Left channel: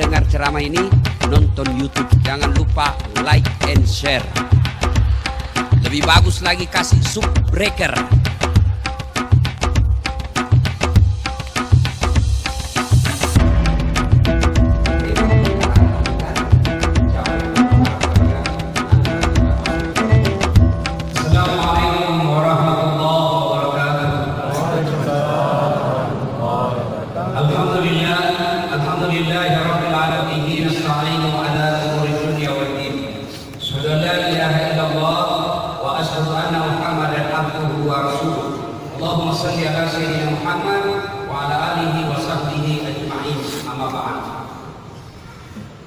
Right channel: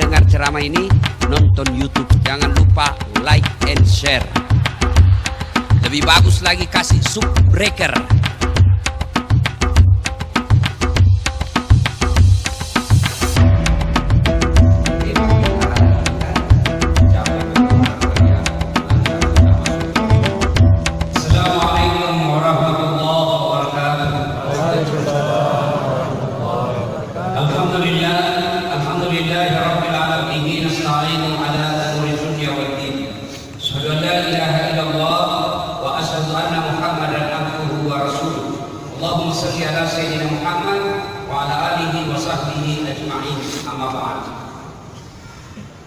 dengar ceramah ini, nonton YouTube. Jangan lupa like and share. Lebih bagus lagi kasih subbreaker. Allahumma salli ala sayyidina Muhammad wa ala alihi wa sahbihi ajma'in. Amma ba'd.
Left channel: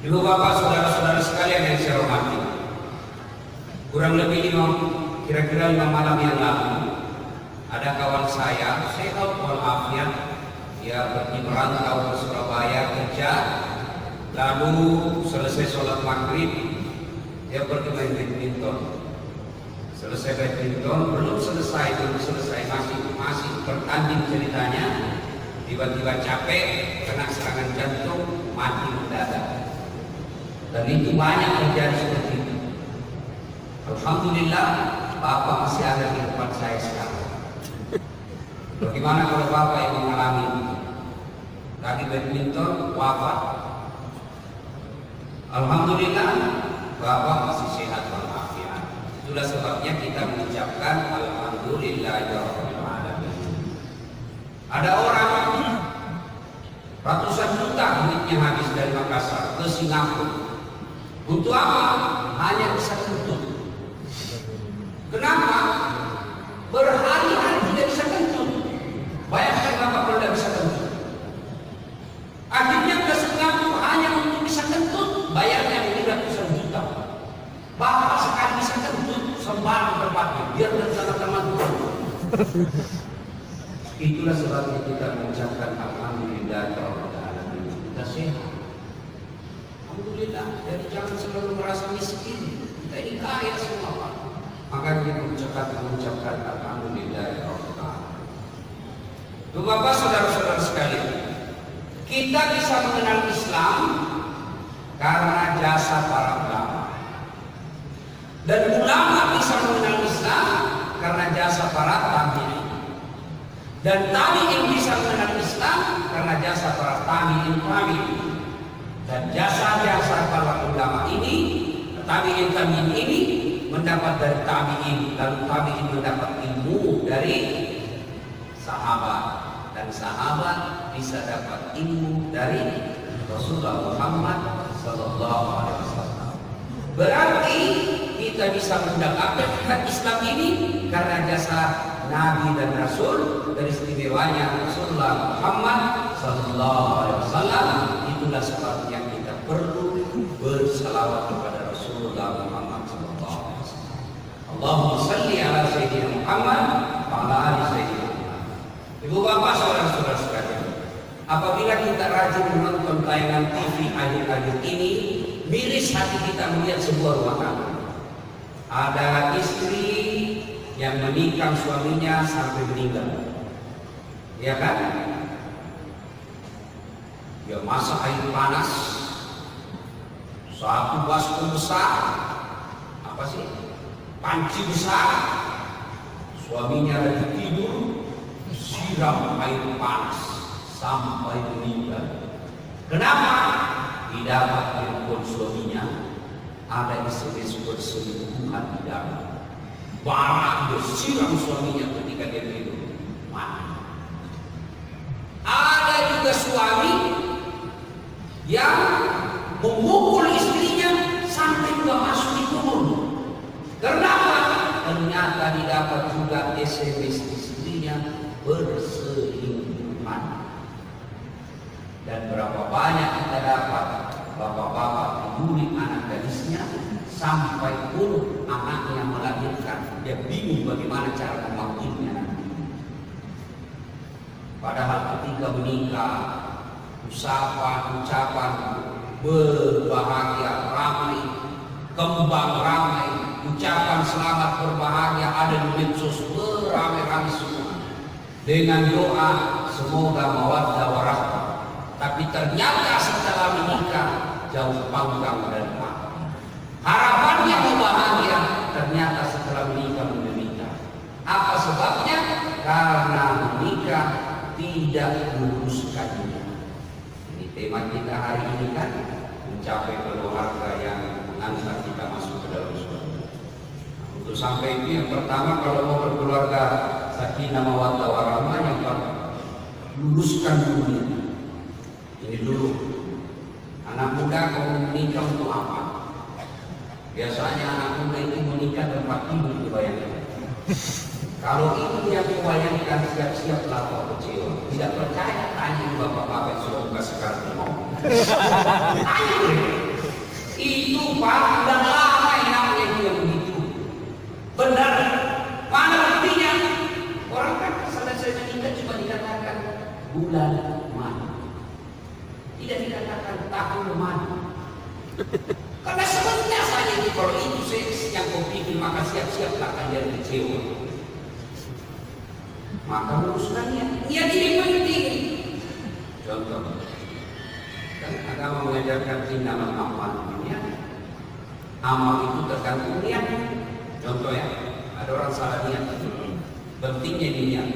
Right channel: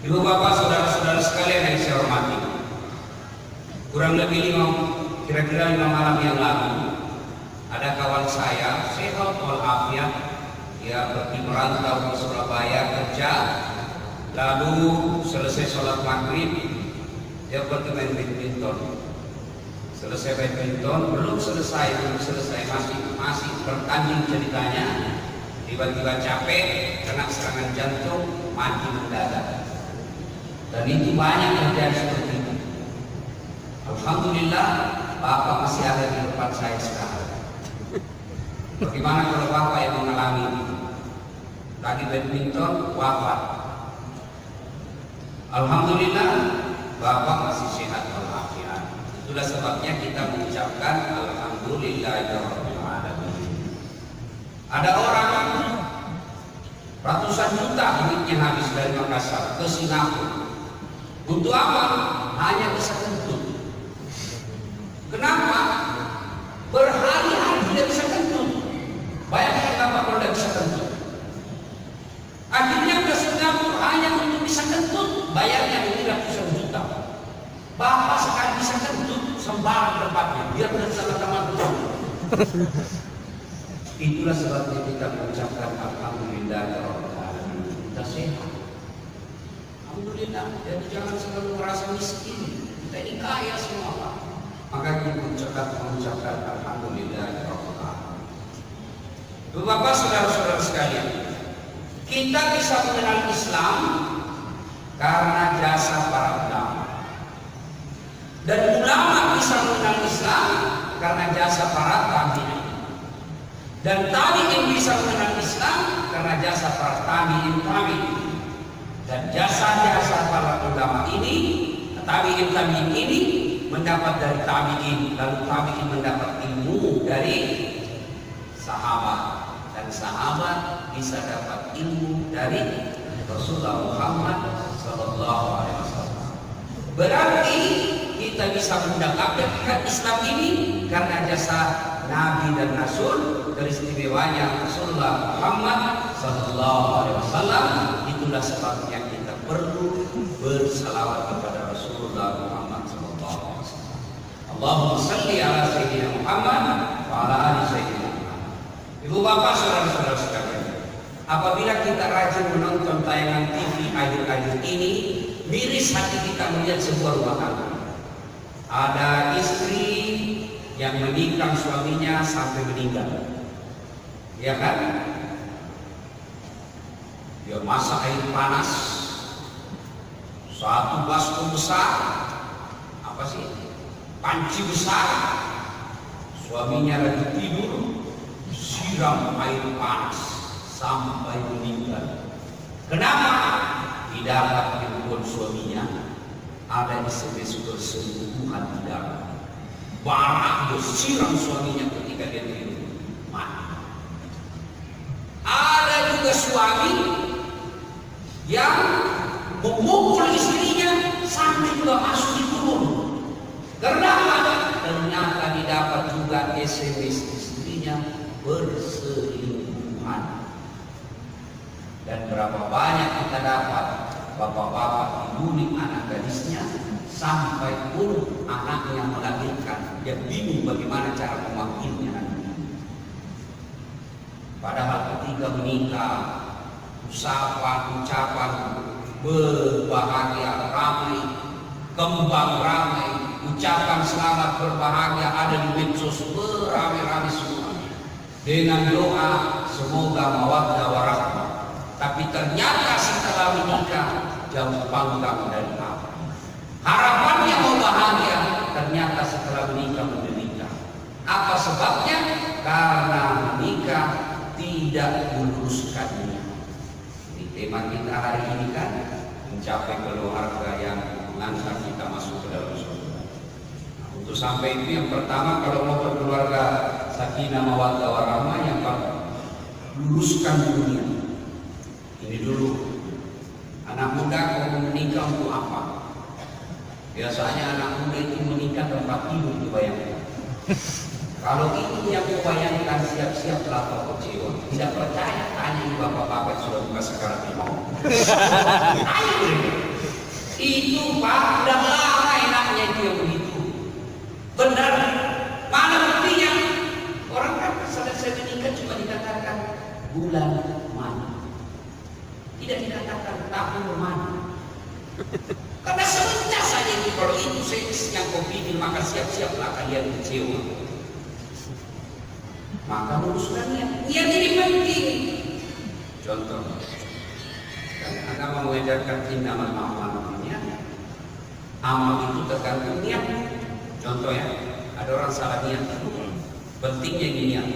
Ibu bapak saudara-saudara sekalian yang saya hormati, kurang lebih kira-kira 5 malam yang lalu ada kawan saya sehat walafiat, dia pergi merantau ke Surabaya kerja, lalu selesai sholat maghrib dia pergi main badminton. Selesai badminton, belum selesai masih bertanding ceritanya, tiba-tiba capek, kena serangan jantung, mati mendadak. Dan itu banyak terjadi seperti ini. Alhamdulillah, Bapak masih ada di depan saya sekarang. Bagaimana kalau Bapak yang mengalami tadi badminton wafat? Alhamdulillah, Bapak masih sehat walafiat. Itulah sebabnya kita mengucapkan alhamdulillahirrahmanirrahim. Ada orang ratusan juta duitnya habis dari Makassar ke Singapura. Untuk apa? Hanya bisa kentut. Kenapa? Berhari-hari tidak bisa kentut. Bayangkan apa kalau tidak bisa kentut. Akhirnya ke Singapura hanya untuk bisa kentut, bayarnya 300 juta. Bapak sekali bisa kentut sembarang tempatnya, biar teman-teman tahu. Itulah sebabnya kita mengucapkan alhamdulillah ya Allah. Kita sehat. Alhamdulillah. Jadi jangan selalu merasa miskin. Kita ini kaya semua Pak. Maka kita mengucapkan alhamdulillah ya Allah. Bapak saudara-saudara sekalian, kita bisa mengenal Islam karena jasa para ulama. Dan ulama bisa mengenal Islam karena jasa para tabi'in. Dan tabi'in bisa mengenal Islam karena jasa para tabi'in. Dan jasa-jasa para ulama ini, tabi'in ini mendapat dari tabi'in, lalu tabi'in mendapat ilmu dari sahabat, dan sahabat bisa dapat ilmu dari Rasulullah Muhammad sallallahu alaihi wasallam. Berarti kita bisa mendapatkan Islam ini karena jasa Nabi dan Rasul, dari istimewanya Rasulullah Muhammad sallallahu alaihi wasallam. Itulah sebabnya kita perlu bersalawat kepada Rasulullah Muhammad sallallahu alaihi wasallam. Allahumma salli ala sayyidina Muhammad wa ala ali sayyidina Muhammad. Ibu bapak saudara-saudara sekalian, apabila kita rajin menonton tayangan TV akhir-akhir ini, miris hati kita melihat sebuah rumah tangga. Ada istri yang menikam suaminya sampai meninggal, ya kan? Dia masak air panas, satu baskom besar, apa sih? Panci besar. Suaminya lagi tidur, siram air panas sampai meninggal. Kenapa? Tidak dapat telepon suaminya, ada SMS berselingkuhan tidak. Barak bersiram suaminya ketika dia tidur, mati. Ada juga suami yang memukul istrinya sampai juga masuk di kubur. Kenapa? Ternyata didapat juga SMS istrinya berselingkuhan. Dan berapa banyak kita dapat bapak-bapak peduli anak gadisnya sampai pun anaknya melahirkan, dia bingung bagaimana cara memanggilnya. Padahal ketika menikah, ucapan berbahagia ramai, kembang ramai, ucapan selamat berbahagia ada di medsos beramai-ramai semua, dengan doa semoga mawaddah warahmah. Tapi ternyata setelah menikah jauh panggang dan harapannya mau bahagia, ternyata setelah menikah menderita. Apa sebabnya? Karena nikah tidak meluruskannya. Ini tema kita hari ini kan, mencapai keluarga yang mengantar kita masuk ke dalam surga. Untuk sampai itu yang pertama, kalau mau berkeluarga sakinah mawaddah warahmah, yang pertama luruskan dunia. Ini dulu. Anak muda mau menikah untuk apa? Biasanya anak muda itu menikah tempat tidur, itu bayangkan. Kalau itu yang membayangkan, siap-siaplah kalau kecewa. Tidak percaya, tanya di bapak-bapak sudah kasih kartu. Itu Pak, udah lama enaknya dia begitu. Benar, mana buktinya? Orang kan selesai menikah cuma dikatakan bulan madu, tidak dikatakan tahun madu. Karena sebenarnya saja di itu seks yang kau pikir, maka siap-siaplah kalian kecewa. Maka luruskannya, yang ini penting. Contoh, agama mengajarkan tindakan amal dunia. Amal itu tergantung niat. Contoh ya, ada orang salah niat. Pentingnya niat.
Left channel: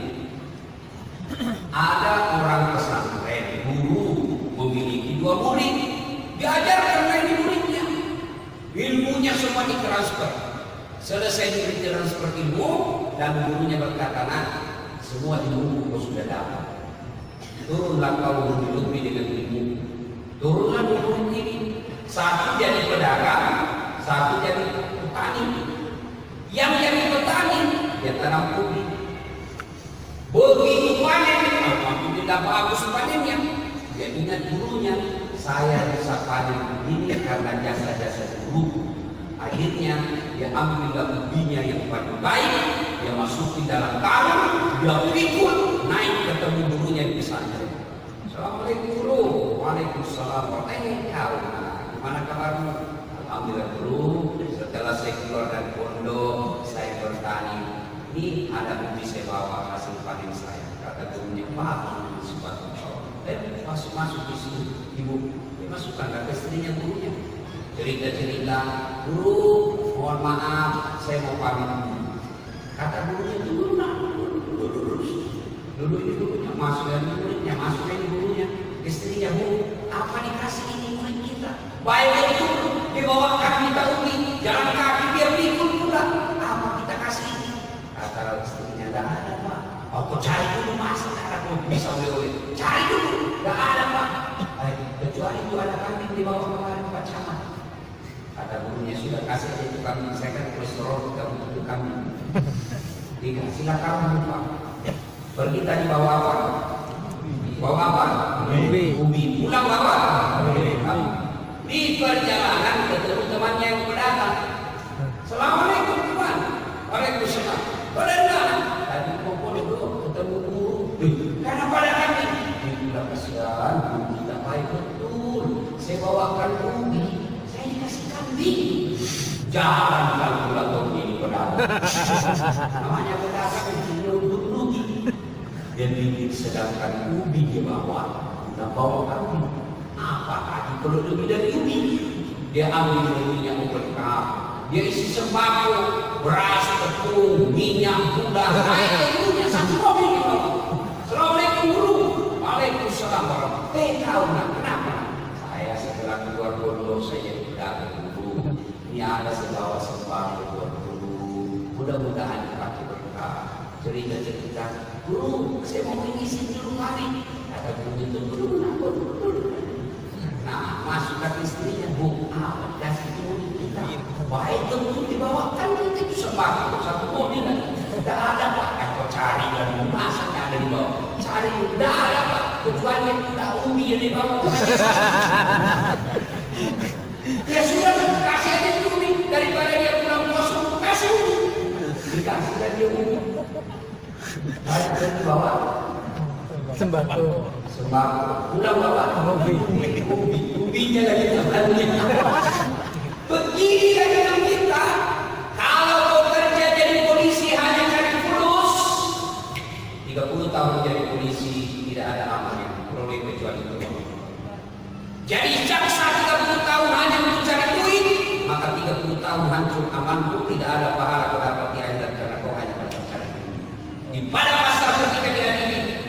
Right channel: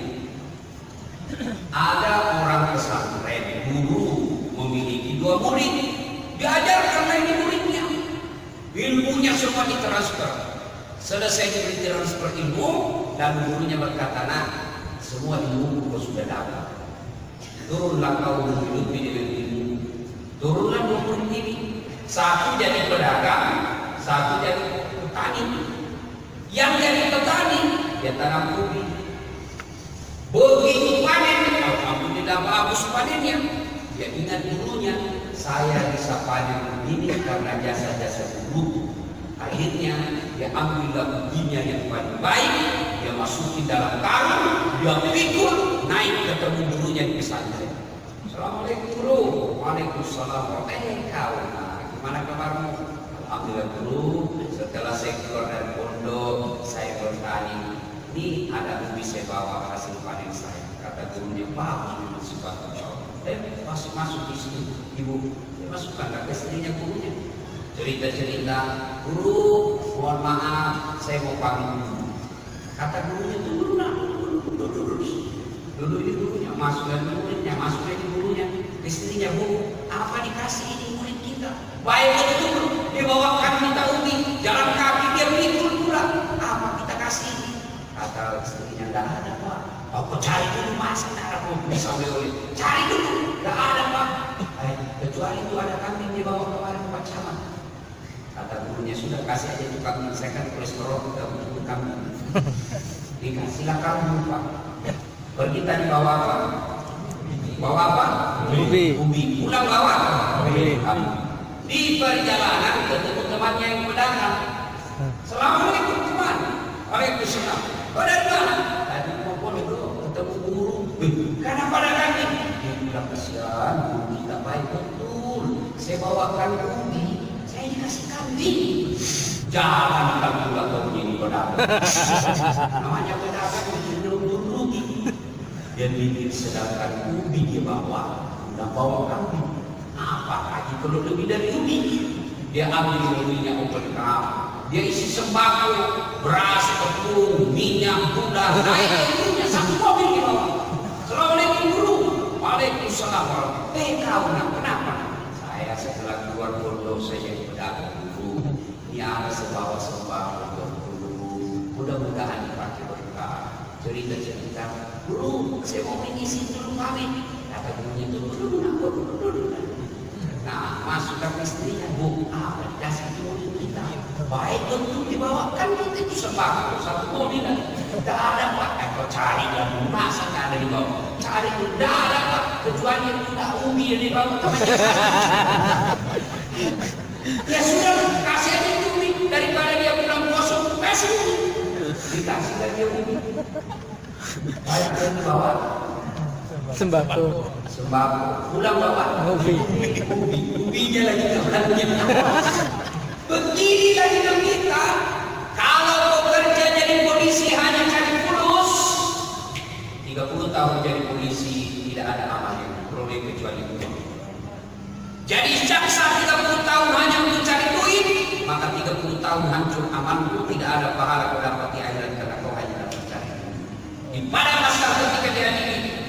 Ada orang pesantren, guru memiliki 2 murid, diajar karena ini muridnya, ilmunya semua ditransfer. Selesai diberi transfer ilmu, dan gurunya berkata, nah, semua ilmu kau sudah dapat. Turunlah kau menghidupi dengan ilmu. Turunlah murid ini. Satu jadi pedagang, satu jadi petani. Yang jadi petani, dia tanam ubi. Begitu panen, makin tidak bagus panennya. Dia ingat dulunya, saya bisa panen ini karena jasa-jasa guru. Akhirnya dia ambil buktinya yang paling baik, dia masukin dalam karung, dia pikul, naik ketemu gurunya di pesantren. Assalamualaikum guru. Waalaikumsalam. Gimana kabarmu? Alhamdulillah guru. Setelah saya keluar dari pondok, saya bertani. Ini ada ubi saya bawa hasil panen saya. Kata gurunya, bagus, suka kau. Tapi masuk di sini, ibu. Dia masukkan ke sininya gurunya. Cerita-cerita, guru, mohon maaf, saya mau pamit dulu. Kata gurunya, dulu ini gurunya, masuknya muridnya, masuknya ini gurunya. Istrinya, bu, apa dikasih ini murid kita? Baik itu, dia bawa kaki kita ubi, jalan kaki, dia pikul pula. Apa kita kasih ini? Kata istrinya, tidak ada, Pak. Aku cari dulu, masa cara kau bisa oleh. Cari dulu, tidak ada, Pak. Kecuali itu ada kambing di bawah-bawah Pak Camat. Ada gurunya sudah kasih aja itu kambing, saya tadi kolesterol, tidak butuh kambing. Silakan buka. Pergi tadi bawa apa? Bawa apa? Ubi. Pulang bawa? Di perjalanan ketemu temannya yang pedagang. Assalamualaikum teman. Waalaikumsalam. Dari mana? Tadi kumpul ketemu guru. Karena pada kami dia bilang kasihan, tidak baik betul. Saya bawakan ubi, saya dikasih kambing. Jangan pulang ke ini pedagang. Namanya pedagang itu untuk rugi. Dia pikir sedangkan ubi di bawah, udah bawa kambing. Apalagi kalau lebih dari ubi. Dia ambil ubinya overcam. Dia isi sembako, beras, tepung, minyak, gula, air, punya satu mobil di bawah. Assalamualaikum guru. Waalaikumsalam. Tahu yang kenapa? Saya setelah keluar pondok saya jadi pedagang guru. Ini ada sebawa sembako. Mudah-mudahan dipakai berkah. Cerita-cerita, guru, saya mau mengisi dulu kali. Kata gurunya itu dulu. Nah, masukkan istrinya, bu, awal kasih dulu kita. Baik betul dibawakan itu sembako satu mobil lagi. Tidak ada Pak, atau cari dan masa tidak ada di bawah. Cari tidak ada Pak, kecuali yang kita ubi yang di bawah. Ya sudah, kasih aja ubi daripada dia pulang kosong, kasih ubi. Dikasih lagi ubi. Baik dan di bawah. Sembako. Pulang bawa ubinya lagi kebelannya. Begini lagi kita. Kalau bekerja jadi polisi hanya cari fulus, 30 tahun jadi polisi tidak ada namanya. Peroleh kecuali itu. Jadi jaksa 30 tahun hanya untuk cari duit, maka 30 tahun hancur amanku, tidak ada pahala kau dapat di akhirat karena kau hanya dapat cari duit. Pada masa ketika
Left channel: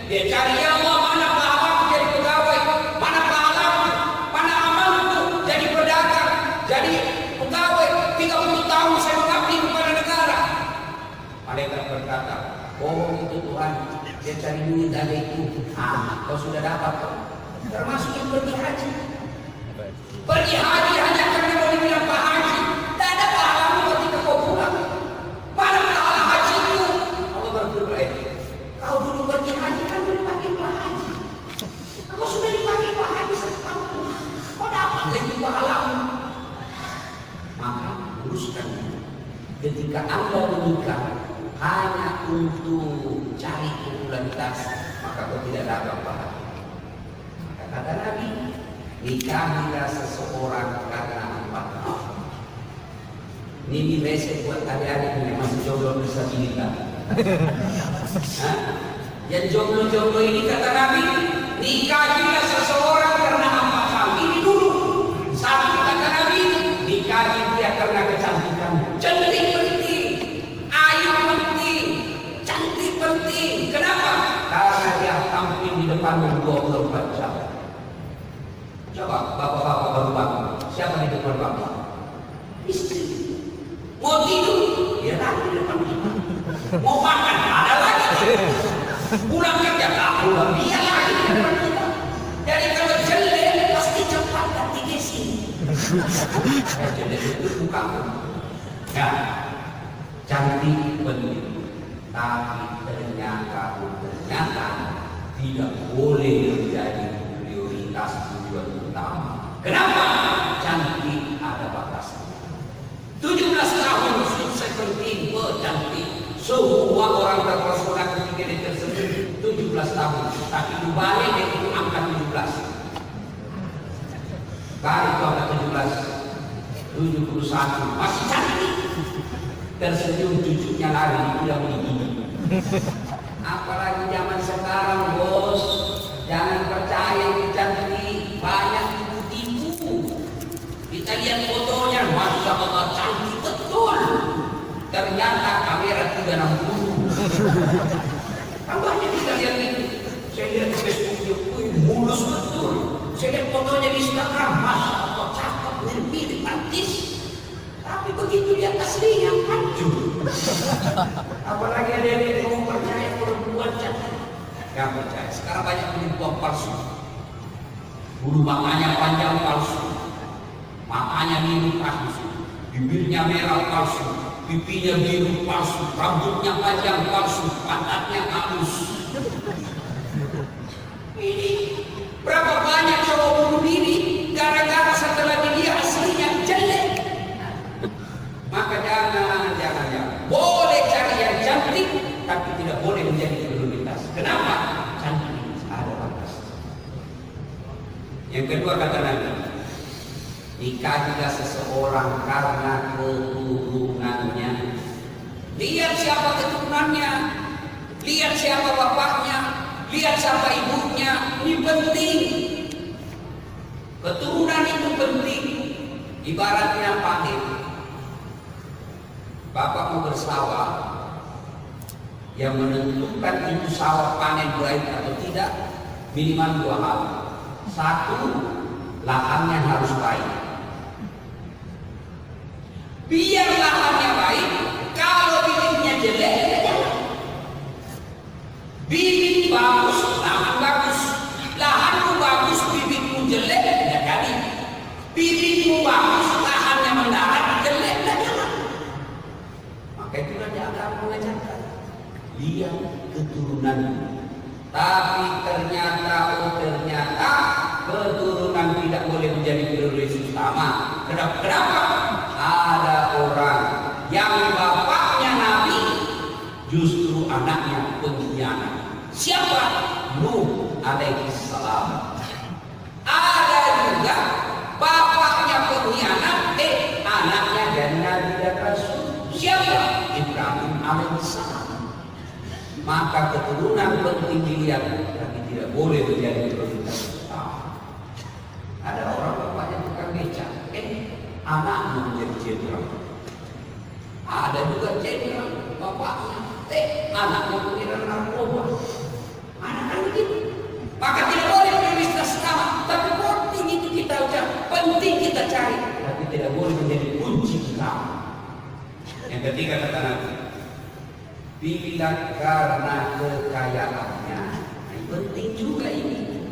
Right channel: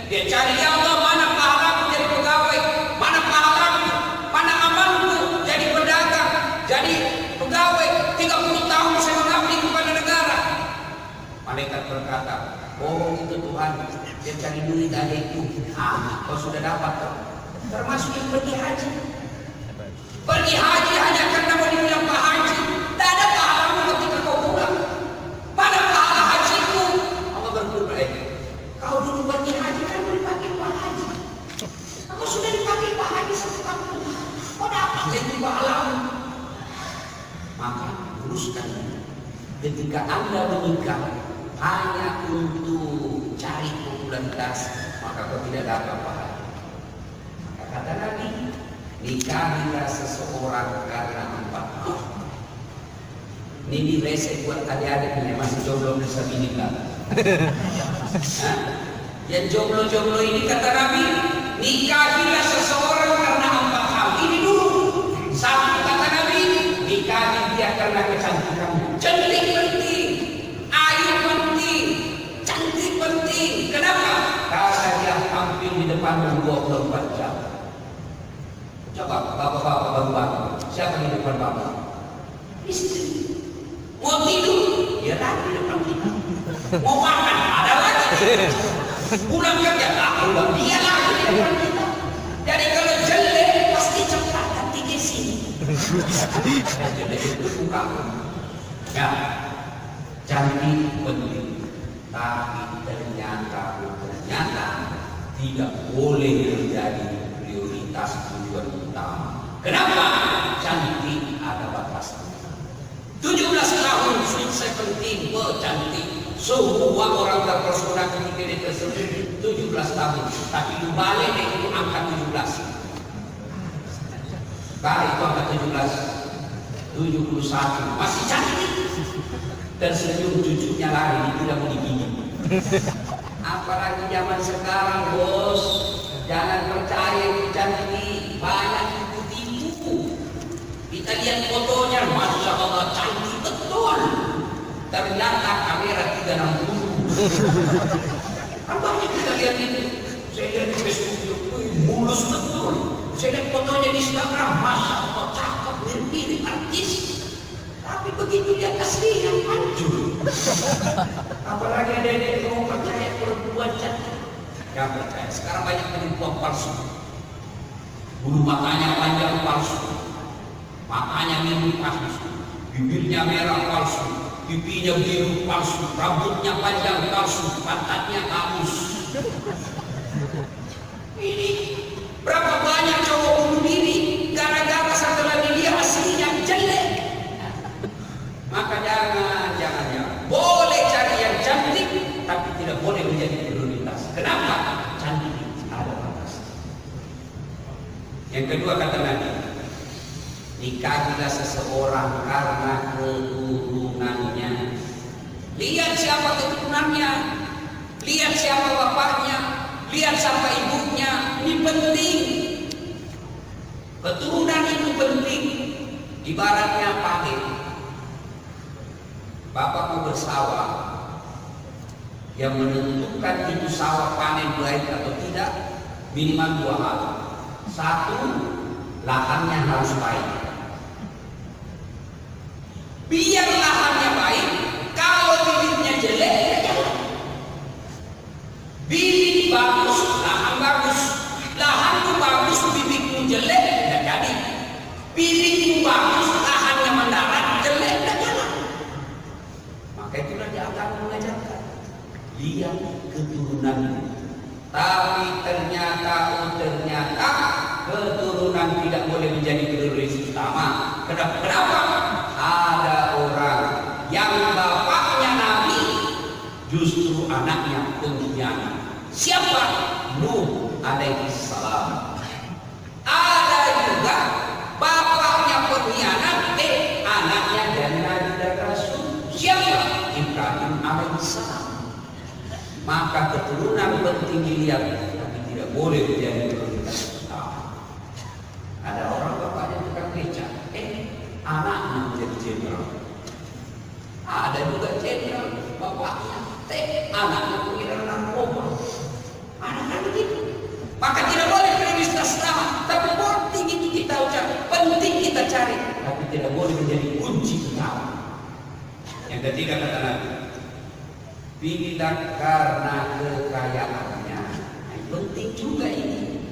dia cari, ya Allah, mana pahalaku jadi pegawai, mana pahalaku, mana amalku jadi pedagang, jadi pegawai. 30 tahun saya mengabdi kepada negara. Mereka berkata, oh itu Tuhan, dia cari duit adikku. Kau sudah dapat, termasuk yang pergi haji. Pergi haji hanya karena boleh bilang Pak Haji. Tidak ada pahala ketika kau pulang. Mana pahala hajiku? Allah berfirman, kau dulu pergi haji kan dipanggil Pak Haji. Kau sudah dipanggil Pak Haji sekarang. Kau dapat itu pahala. Maka luruskan. Ketika Anda menikah hanya untuk cari popularitas, maka kau tidak dapat pahala. Kata Nabi, nikahlah seseorang karena empat. Ini mesej buat kalian yang masih jomblo bisa menikah. Yang jomblo-jomblo ini kata Nabi, nikahilah seseorang karena empat hal. Ini dulu. Satu kata Nabi, nikahi dia karena kecantikannya. Cantik penting, ayu penting, cantik penting. Kenapa? Karena dia tampil di depan 24 jam. Coba bapak-bapak baru bangun, siapa di depan bapak? Istri. Mau tidur, dia lagi di depan kita. Mau makan, ada lagi. Pulang kerja, pulang dia lagi di depan kita. Jadi kalau jelek, pasti cepat ganti di sini. Jelek itu bukan. Ya, cantik penting, tapi ternyata tidak boleh menjadi prioritas tujuan utama. Kenapa? Cantik ada batasnya. 17 tahun saya penting cantik. Semua orang terpesona ketika dia tersebut 17 tahun. Tapi balik deh angka 17. Balik itu angka 17. 71 masih cantik. Tersenyum cucunya lari tidak meninggi. Apalagi zaman sekarang, bos. Jangan percaya yang cantik, banyak tipu-tipu. Kita lihat fotonya, masya Allah cantik betul. Ternyata kamera 360. Banyak kita lihat itu. Saya lihat di Facebook, mulus betul. Saya lihat fotonya di Instagram, masya Allah cakep, sendiri artis. Tapi begitu dia asli yang hancur. Apalagi ada yang mau percaya perempuan cantik. Yang percaya. Sekarang banyak penipuan palsu. Bulu matanya panjang palsu, matanya biru palsu, bibirnya merah palsu, pipinya biru palsu, rambutnya panjang palsu, pantatnya halus. Ini berapa banyak cowok bunuh diri gara-gara setelah dilihat aslinya jelek. Maka jangan. Boleh cari yang cantik, tapi tidak boleh menjadi prioritas. Kenapa? Cantik ada batas. Yang kedua kata Nabi, nikahilah seseorang karena keturunannya. Lihat siapa keturunannya, lihat siapa bapaknya, lihat siapa ibunya. Ini penting. Keturunan itu penting. Ibaratnya panen. Bapakmu bersawah, yang menentukan itu sawah panen baik atau tidak minimal 2 hal. 1, lahannya harus baik. Biar lahannya baik, kalau bibitnya jelek, bibit bagus, lahan bagus, lahanmu bagus, bibitmu jelek, tidak jadi. Bibitmu bagus, lahannya mendarat, jelek, tidak jadi. Maka itulah dia akan mengajarkan. Lihat keturunanmu. Tapi ternyata keturunan tidak boleh menjadi prioritas utama. Kenapa? Ada orang yang bapaknya Nabi, justru anaknya pengkhianat. Siapa? Nuh alaihi salam. Ada juga bapaknya pengkhianat, anaknya dan Nabi dan Rasul. Siapa? Ibrahim alaihi salam. Maka keturunan penting dilihat, tapi tidak boleh menjadi prioritas utama. Ada ketiga kata Nabi, pilihlah karena kekayaannya. Nah, penting juga ini.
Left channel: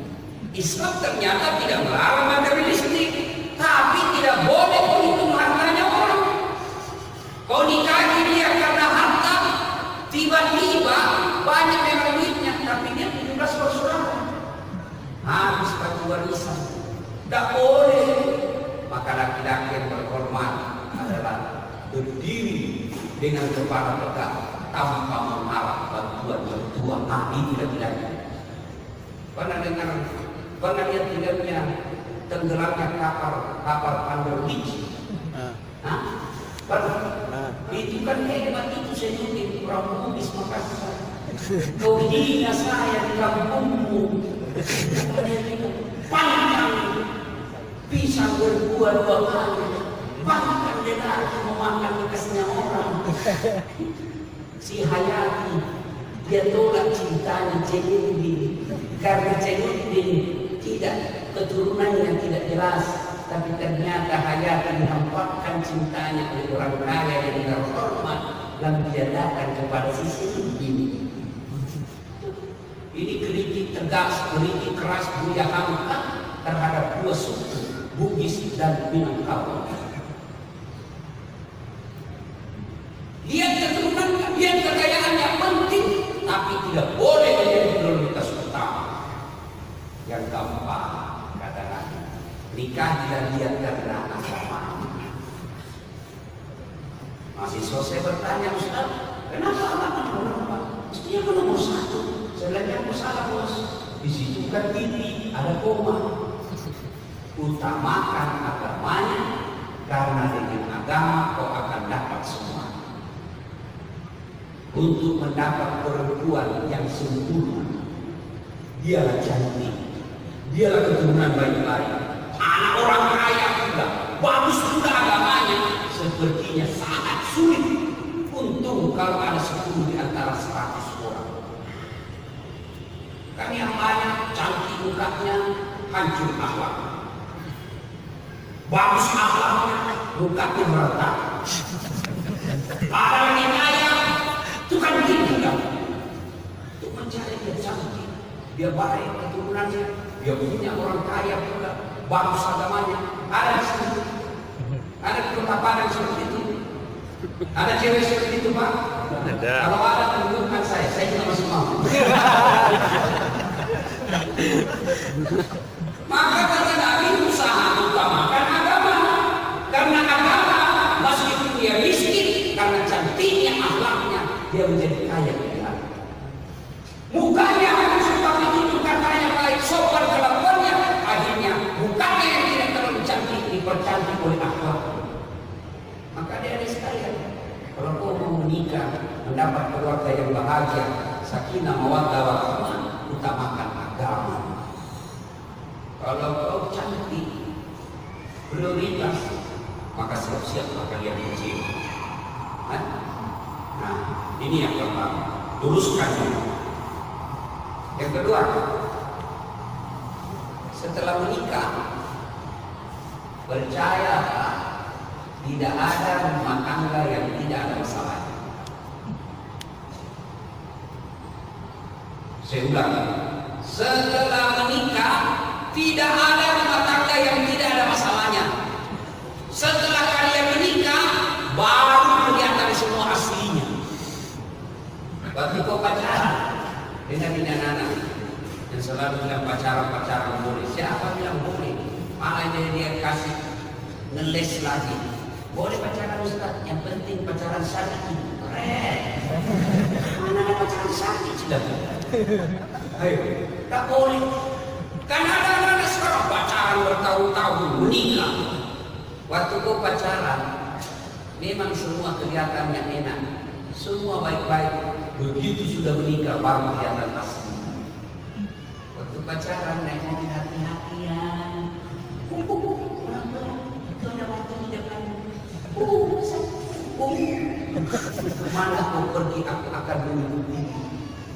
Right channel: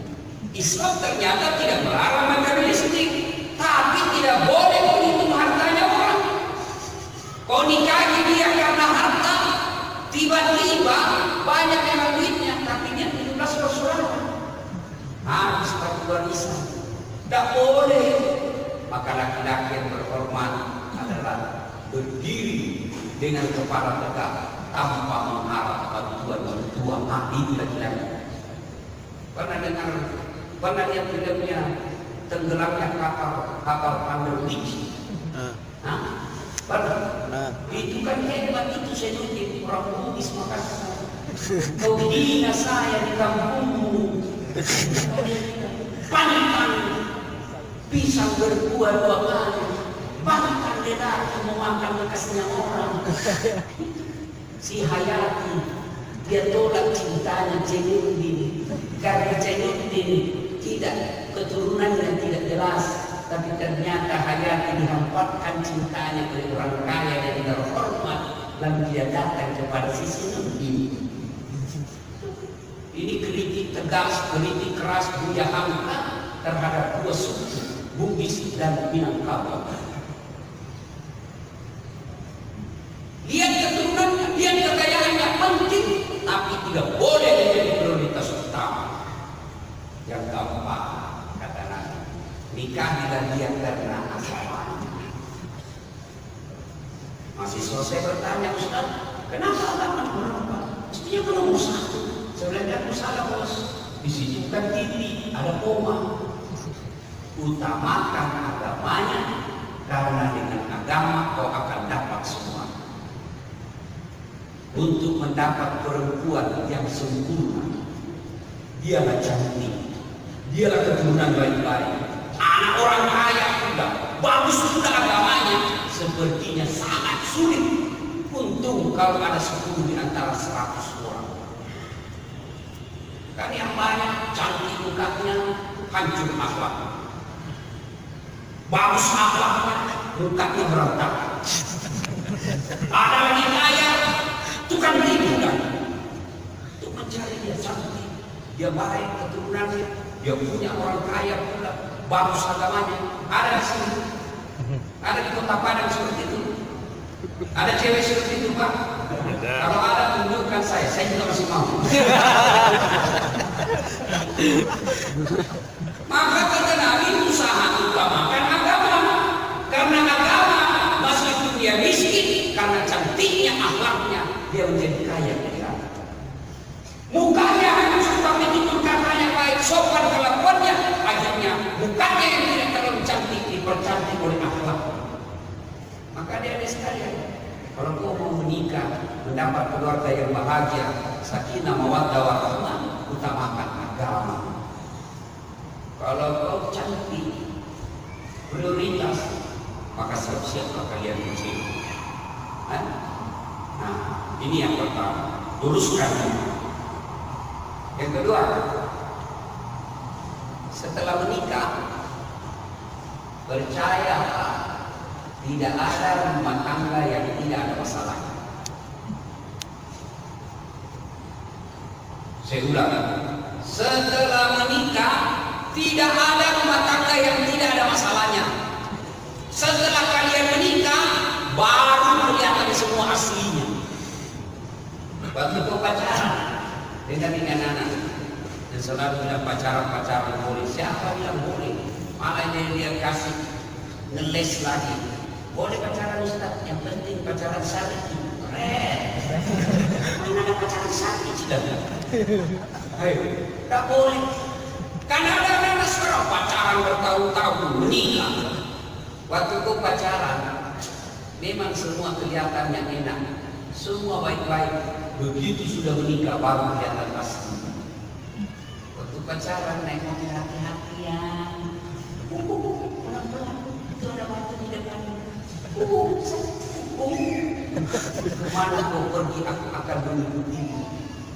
Islam ternyata tidak melarang materialistik, tapi tidak boleh itu hartanya orang. Kau nikahi dia karena harta, tiba-tiba banyak yang duitnya, tapi dia tidak bersaudara. Habis perjuangan Islam, tidak boleh. Maka laki-laki yang terhormat adalah berdiri dengan kepala tegak tanpa mengharap bantuan mertua. Amin laki-laki. Karena dia tidaknya tenggelamnya kapal Pandemic. Itu kan hebat itu saya nutip orang Bugis Makassar. Kau hina saya di kampungmu. Pandang pisang berdua-dua kali. Bahkan dia lagi memakan bekasnya orang. Si Hayati dia tolak cintanya Jainuddin karena Jainuddin tidak keturunannya tidak jelas, tapi ternyata Hayati memanfaatkan cintanya dari orang kaya yang terhormat dan dia datang kepada sisi ini. Ini kritik tegas, kritik keras dia hamka terhadap dua suku Bugis dan Minangkabau. Lihat keturunannya, lihat kekayaannya penting, tapi tidak boleh menjadi prioritas utama. Yang keempat, kata Nabi, nikahi dan lihat karena agamanya. Masih selesai bertanya, Ustaz, kenapa agamanya berapa? Mestinya kan nomor satu. Sebenarnya salah bos. Di situ bukan titik, ada koma. Utamakan agamanya, karena dengan agama kau akan dapat semua. Untuk mendapat perempuan yang sempurna, dialah cantik, dialah keturunan baik-baik, anak orang kaya pula, bagus pula agamanya, sepertinya sangat sulit. Untung kalau ada 10 di antara 100 orang. Kan yang banyak cantik mukanya, hancur akhlak. Bagus akhlaknya, mukanya berantakan. Ada lagi kaya, itu kan gitu kan. Untuk mencari yang cantik, dia baik keturunannya, dia punya orang kaya pula, bagus agamanya. Ada sih, ada di Kota Padang seperti itu. Ada cewek seperti itu Pak. Kalau ada tunjukkan saya juga masih mau. Maka kata Nabi, usaha utamakan agama, karena agama masa itu dia miskin, karena cantiknya akhlaknya dia menjadi kaya. Bukannya seperti itu kata yang baik, sopan kelakuannya, akhirnya bukannya yang tidak terlalu cantik dipercantik oleh akhlaknya. Maka dia ada sekalian, kalau kau mau menikah, mendapat keluarga yang bahagia, sakinah mawaddah warahmah, utamakan agama. Kalau kau cantik, prioritas, maka siap-siap kalian kecil. Nah, ini yang pertama, luruskan. Yang kedua, setelah menikah, percaya tidak ada rumah tangga yang tidak ada masalah. Saya ulang, setelah menikah tidak ada rumah tangga yang tidak ada masalahnya. Setelah kalian menikah, baru kelihatan semua aslinya. Waktu kau pacaran dengan anak dan selalu bilang pacaran boleh, siapa bilang boleh? Malah dia kasih ngeles lagi. Boleh pacaran Ustaz, yang penting pacaran syar'i. Keren. Mana ada pacaran syar'i sudah? Ayo, tak boleh. Karena ada anak sekarang pacaran bertahun-tahun menikah. Waktu itu pacaran, memang semua kelihatan yang enak, semua baik-baik. Begitu sudah menikah baru kelihatan pasti. Waktu pacaran naik mobil hati-hatian. Kemana mau pergi aku akan mengikuti.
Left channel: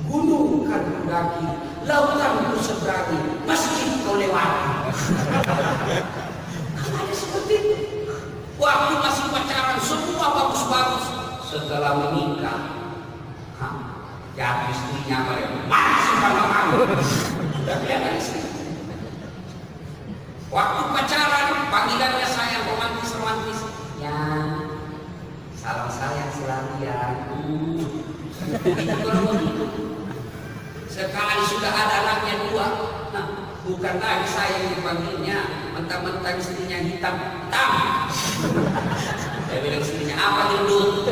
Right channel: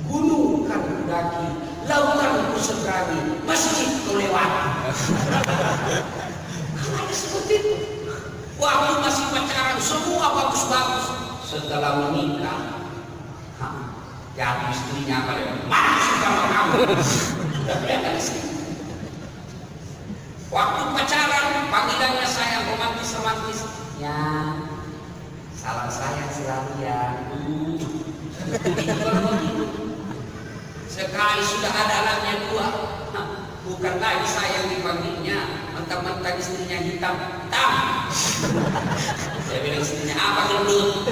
Gunung kan kudaki, lautan ku seberangi, masjid kau lewati. Ada seperti itu. Waktu masih pacaran semua bagus-bagus. setelah menikah, ya istrinya apa ya? Mana suka sama kamu? Udah beres. Waktu pacaran, panggilannya sayang, romantis. Ya, salam sayang selalu ya. Sekali sudah ada anaknya 2, bukan lagi sayang dipanggilnya, mentang-mentang istrinya hitam. Saya bilang istrinya apa gendut?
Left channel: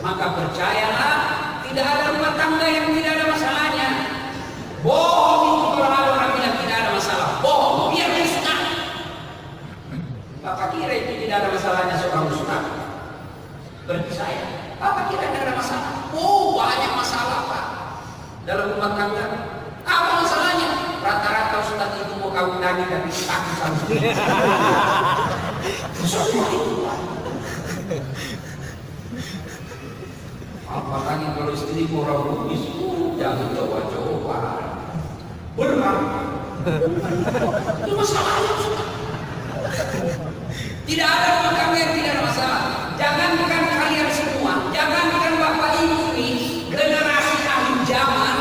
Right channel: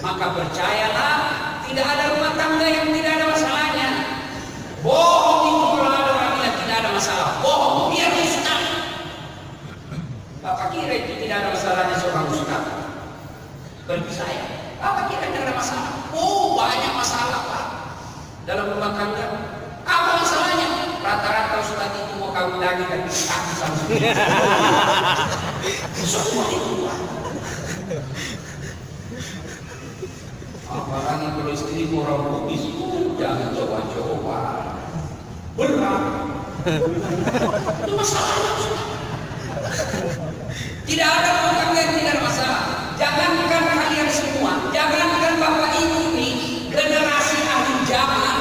Maka percayalah, tidak ada rumah tangga yang tidak ada masalahnya. Bohong itu kalau ada orang bilang tidak ada masalah. Bohong, biar dia suka. Bapak kira itu tidak ada masalahnya seorang ustaz? Percaya, Bapak kira tidak ada masalah? Oh, banyak masalah Pak dalam rumah tangga. Apa masalahnya? Rata-rata ustaz itu mau kawin lagi dan takut sama dia. Semua itu Pak. Apalagi kalau istri orang bugis, jangan coba-coba. Berat. Itu masalahnya Ustaz. Tidak ada rumah tangga yang tidak ada masalah. Jangankan kalian semua, jangankan bapak ibu ini generasi akhir zaman,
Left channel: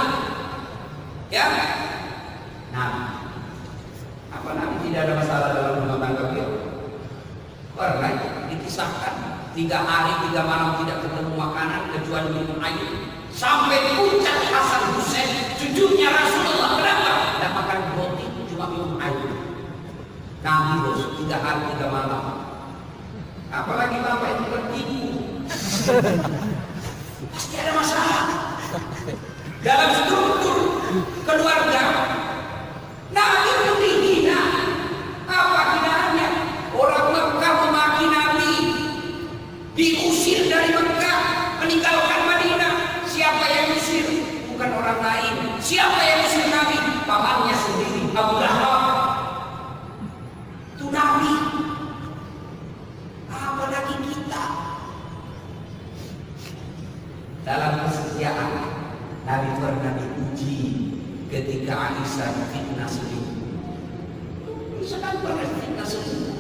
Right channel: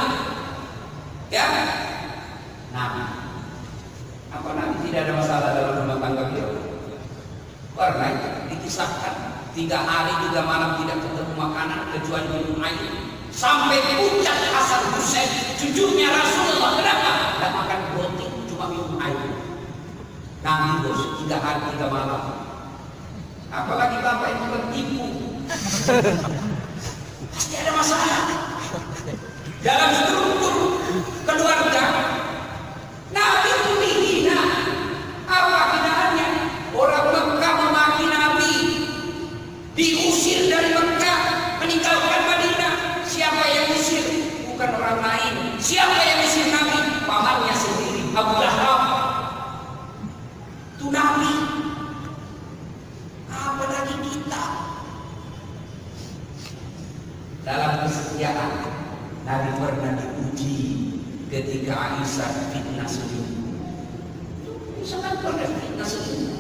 ya. Nah, apa nanti tidak ada masalah dalam rumah tangga beliau? Pernah dikisahkan 3 hari 3 malam tidak ketemu makanan kecuali minum air sampai puncak Hasan Husain cucunya Rasulullah. Kenapa? Dan makan roti cuma minum air. Nangis 3 hari 3 malam. Apalagi bapak itu ibu. Pasti ada masalah dalam struktur keluarga. Nah itu dihina. Apa hinaannya? Orang Mekah memaki Nabi, diusir dari Mekah, meninggalkan Madinah. Siapa yang usir? Bukan orang lain. Siapa yang usir Nabi? Pamannya sendiri, Abu Lahab. Itu Nabi. Apalagi kita. Dalam kesetiaan, Nabi pernah dipuji ketika Aisyah fitnah selingkuh. Misalkan pernah fitnah selingkuh.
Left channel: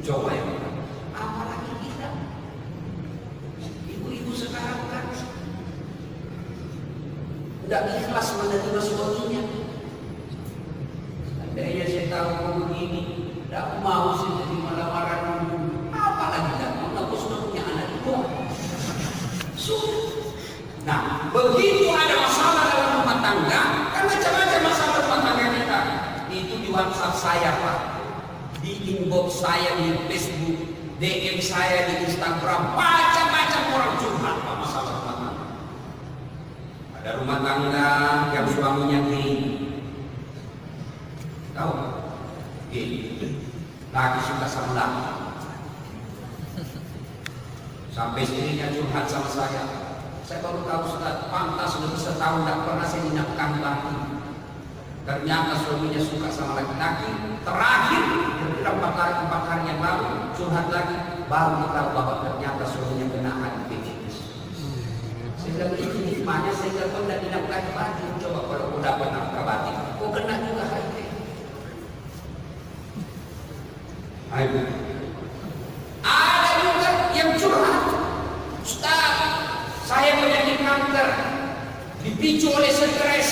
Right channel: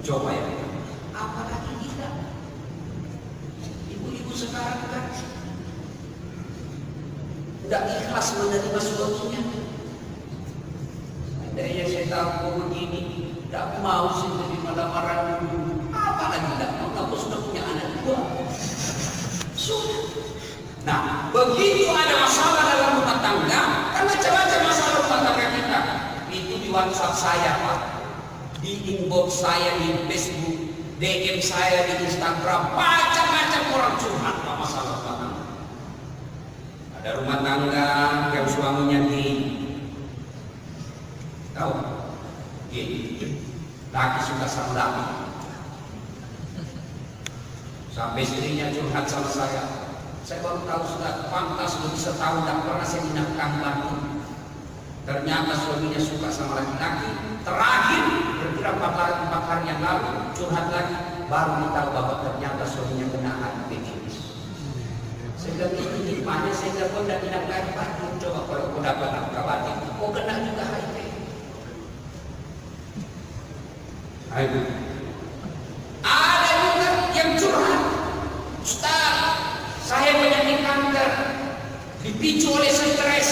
Coba ya, apalagi kita. Ibu-ibu sekarang kan tidak ikhlas menerima suaminya. Akhirnya saya tahu begini, tidak mau sih menerima lamaran. Apalagi tidak mau tahu suaminya anak 2. Nah, begitu ada masalah dalam rumah tangga, kan macam-macam masalah rumah tangga kita. Itu di WhatsApp saya Pak, di inbox saya di Facebook, DM saya di Instagram, macam-macam orang curhat masalah rumah tangga. Ada rumah tangga yang suaminya gay, tahu? Gay, laki suka sama laki. Sampai sininya curhat sama saya. Saya baru tahu sudah pantas sudah bisa tahu nggak pernah saya menafkahi laki. Ternyata suaminya suka sama laki-laki. Terakhir, kira 4 hari yang lalu curhat lagi, baru kita tahu bahwa ternyata suaminya kena HIV/AIDS. Saya bilang itu nikmatnya saya kira tidak dinafkahi lagi. Coba kalau kau dapat nafkah batin, kau kena juga HIV. Ada juga yang curhat, Ustaz, saya penyakit kanker dipicu oleh stres.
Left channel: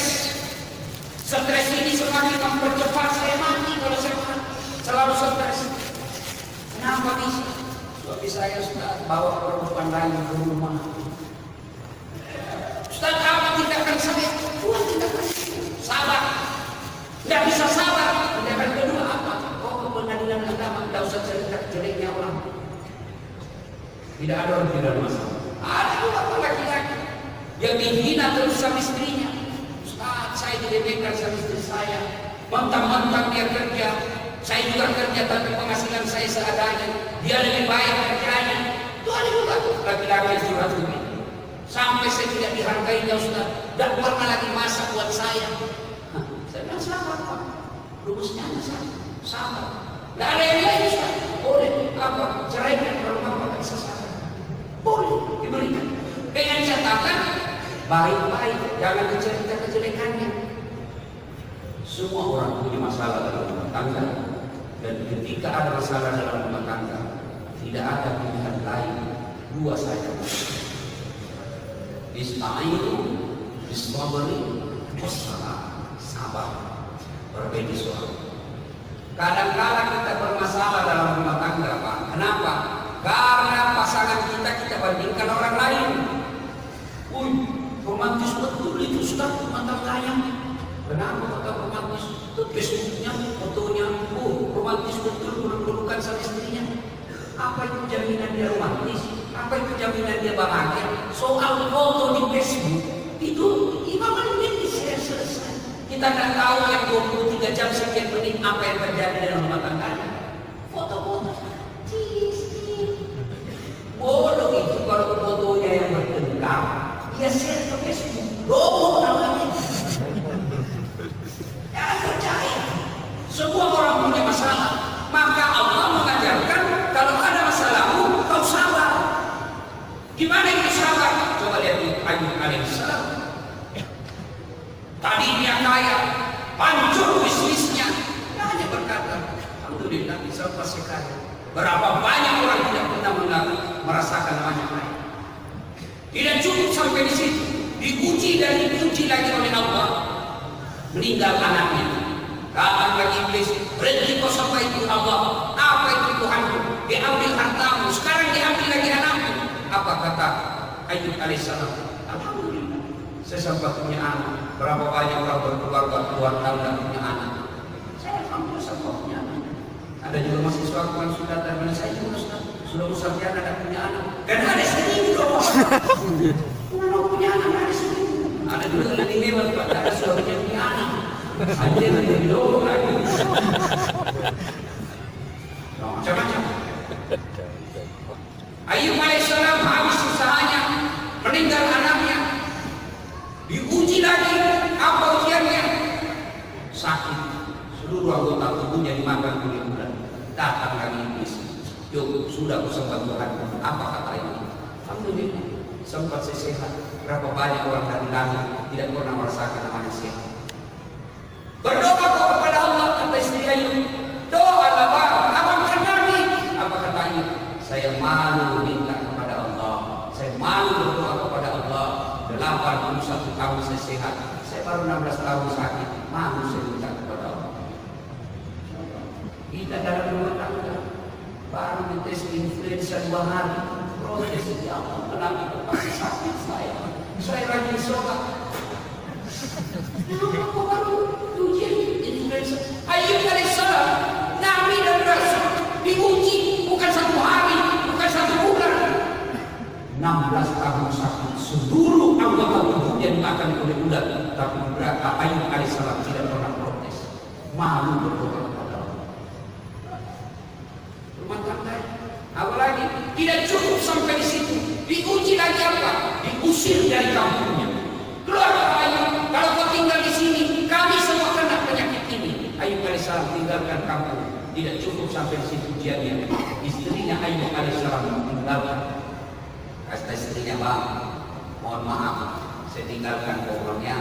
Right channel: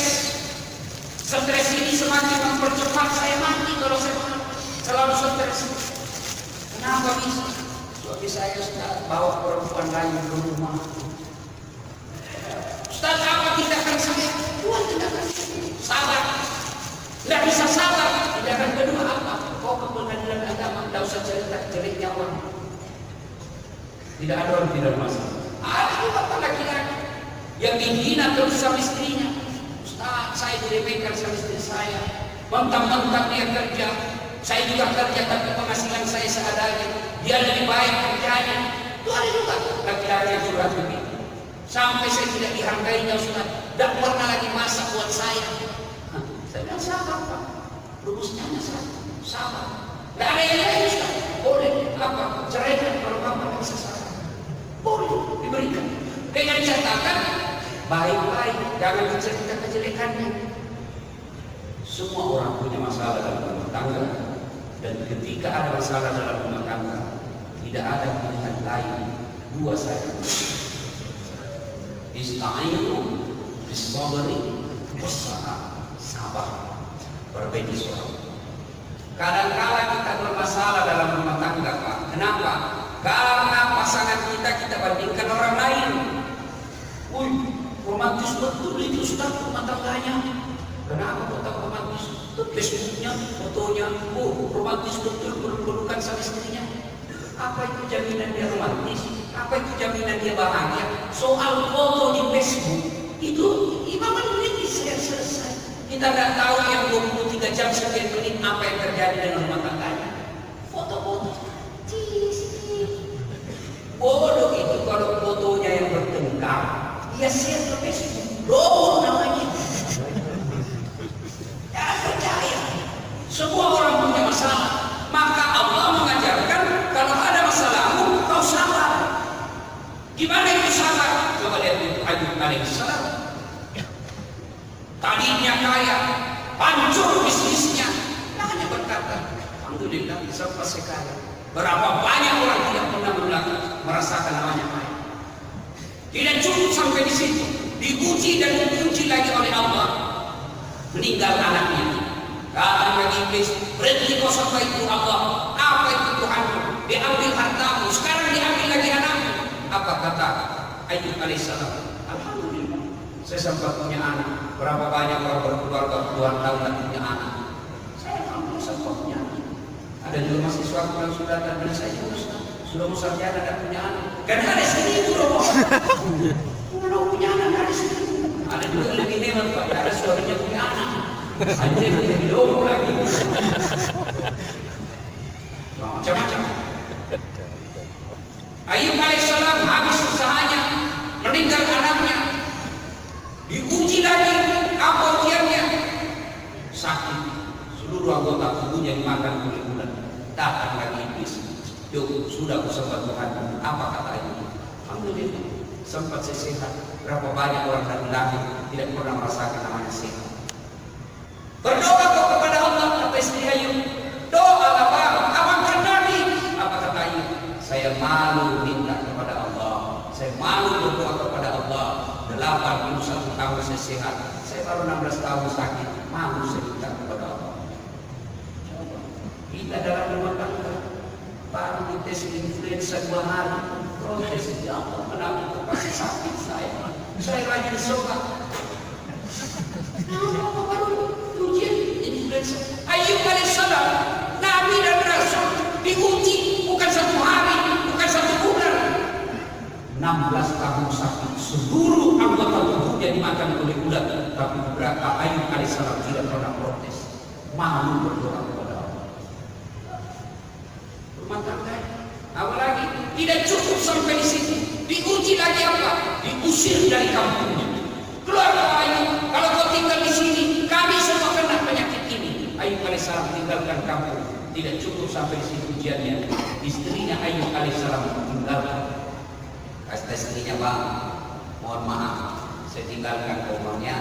Stres ini semakin mempercepat saya mati kalau saya selalu stres. Kenapa bisa? Suami saya Ustaz bawa perempuan lain ke rumah. Ustaz, apa tindakan saya? Tuhan tindakan sabar. Tidak bisa sabar. Tindakan kedua apa? Kau ke pengadilan agama, tidak usah cerita jeleknya orang. Tidak ada orang tidak masalah. Ada juga laki-laki yang dihina terus sama istrinya. Ustaz, saya diremehkan sama istri saya. Mentang-mentang dia kerja, saya juga kerja tapi penghasilan saya seadanya. Dia lebih baik kerjanya. Itu ada juga laki-laki yang curhat begitu. Sampai saya tidak dihargainya Ustaz. Tidak pernah lagi masih buat saya. Saya bilang sabar Pak. Rumusnya sama. Tidak ada yang lain Ustaz. Boleh apa? Ceraikan kalau Bapak bisa sabar. Boleh diberikan dengan catatan baik-baik, jangan dicerita kejelekannya. Semua orang punya masalah dalam rumah tangga, dan ketika ada masalah dalam rumah tangga tidak ada pilihan lain dua saya. Ista'inu bisabari wassalam. Sabar berbenisuah. Kadang-kadang kita bermasalah dalam rumah tangga, Pak. Kenapa? Karena pasangan kita bandingkan orang lain. Wih, romantis betul itu sudah mata belanya. Kenapa kota romantis? Facebooknya, fotonya, oh romantis betul berpelukan sama istrinya. Apa itu jaminan dia romantis? Apa itu jaminan dia bahagia? Soal foto di Facebook itu 5 menit selesai. Kita nggak tahu yang 23 jam sekian menit apa yang terjadi dalam rumah tangganya. Foto-foto, bodoh itu kalau fotonya yang bertengkar, dia share ke Facebook. Loh namanya. Jangan percaya. Semua orang punya masalah. Maka Allah mengajarkan kalau ada masalahmu, kau sabar. Gimana itu sabar? Coba lihat Ayub alaihissalam. Tadinya kaya, hancur bisnisnya. Nah, hanya berkata, alhamdulillah bisa masih kaya. Berapa banyak orang tidak pernah merasakan namanya kaya. Tidak cukup sampai di situ. Diuji dan diuji lagi oleh Allah. Meninggal anaknya. Kata lagi iblis, berhenti kau sampai itu Allah. Apa itu Tuhanku? Diambil hartamu, sekarang diambil lagi anakmu. Apa kata Ayub alaihissalam? Alhamdulillah, saya sempat punya anak. Berapa banyak orang berkeluarga puluhan tahun dan punya anak. Saya alhamdulillah sempat punya anak. Ada juga mahasiswa yang sudah datang pada saya sudah musafir dan punya anak. Karena ada sini belum punya anak ada sini. Ada juga lebih hebat, Pak. Ada suaminya punya anak. Aja lebih jauh lagi. Macam-macam. Ayub alaihissalam habis usahanya, meninggal anaknya, diuji lagi apa ujiannya, sakit, seluruh anggota tubuhnya dimakan oleh ular. Datang lagi iblis. Yuk, sudah bersama Tuhan. Apa katanya? Alhamdulillah, sempat saya sehat. Berapa banyak orang hari lahir tidak pernah merasakan namanya sehat. Berdoa kau kepada Allah, kata istri Ayub. Doa apa? Apa Nabi? Apa kata Ayub? Saya malu minta kepada Allah. Saya malu berdoa kepada Allah. 81 tahun saya sehat. Saya baru 16 tahun sakit. Malu saya minta kepada Allah. Kita dalam rumah tangga baru dites influenza 2 hari. Proses sejauh anak masih sakit saya. Saya rajin sholat. Apa baru ujian influenza? Ayub alaihissalam, Nabi dan Rasul diuji bukan 1 hari, bukan 1 bulan. 16 tahun sakit, seluruh anggota tubuhnya dimakan oleh ular. Tapi beberapa Ayub alaihissalam tidak pernah protes, malu berdoa kepada Allah. Rumah tangga, apalagi tidak cukup sampai di situ, diuji lagi apa? Diusir dari kampungnya. Keluarga Ayub, kalau kau tinggal di sini, kami semua kena penyakit ini. Ayub alaihissalam tinggalkan kampung. Tidak cukup sampai di situ ujiannya. Istrinya Ayub alaihissalam tinggalkan. Kata istrinya, Bang, mohon maaf, saya tinggalkan pohonnya.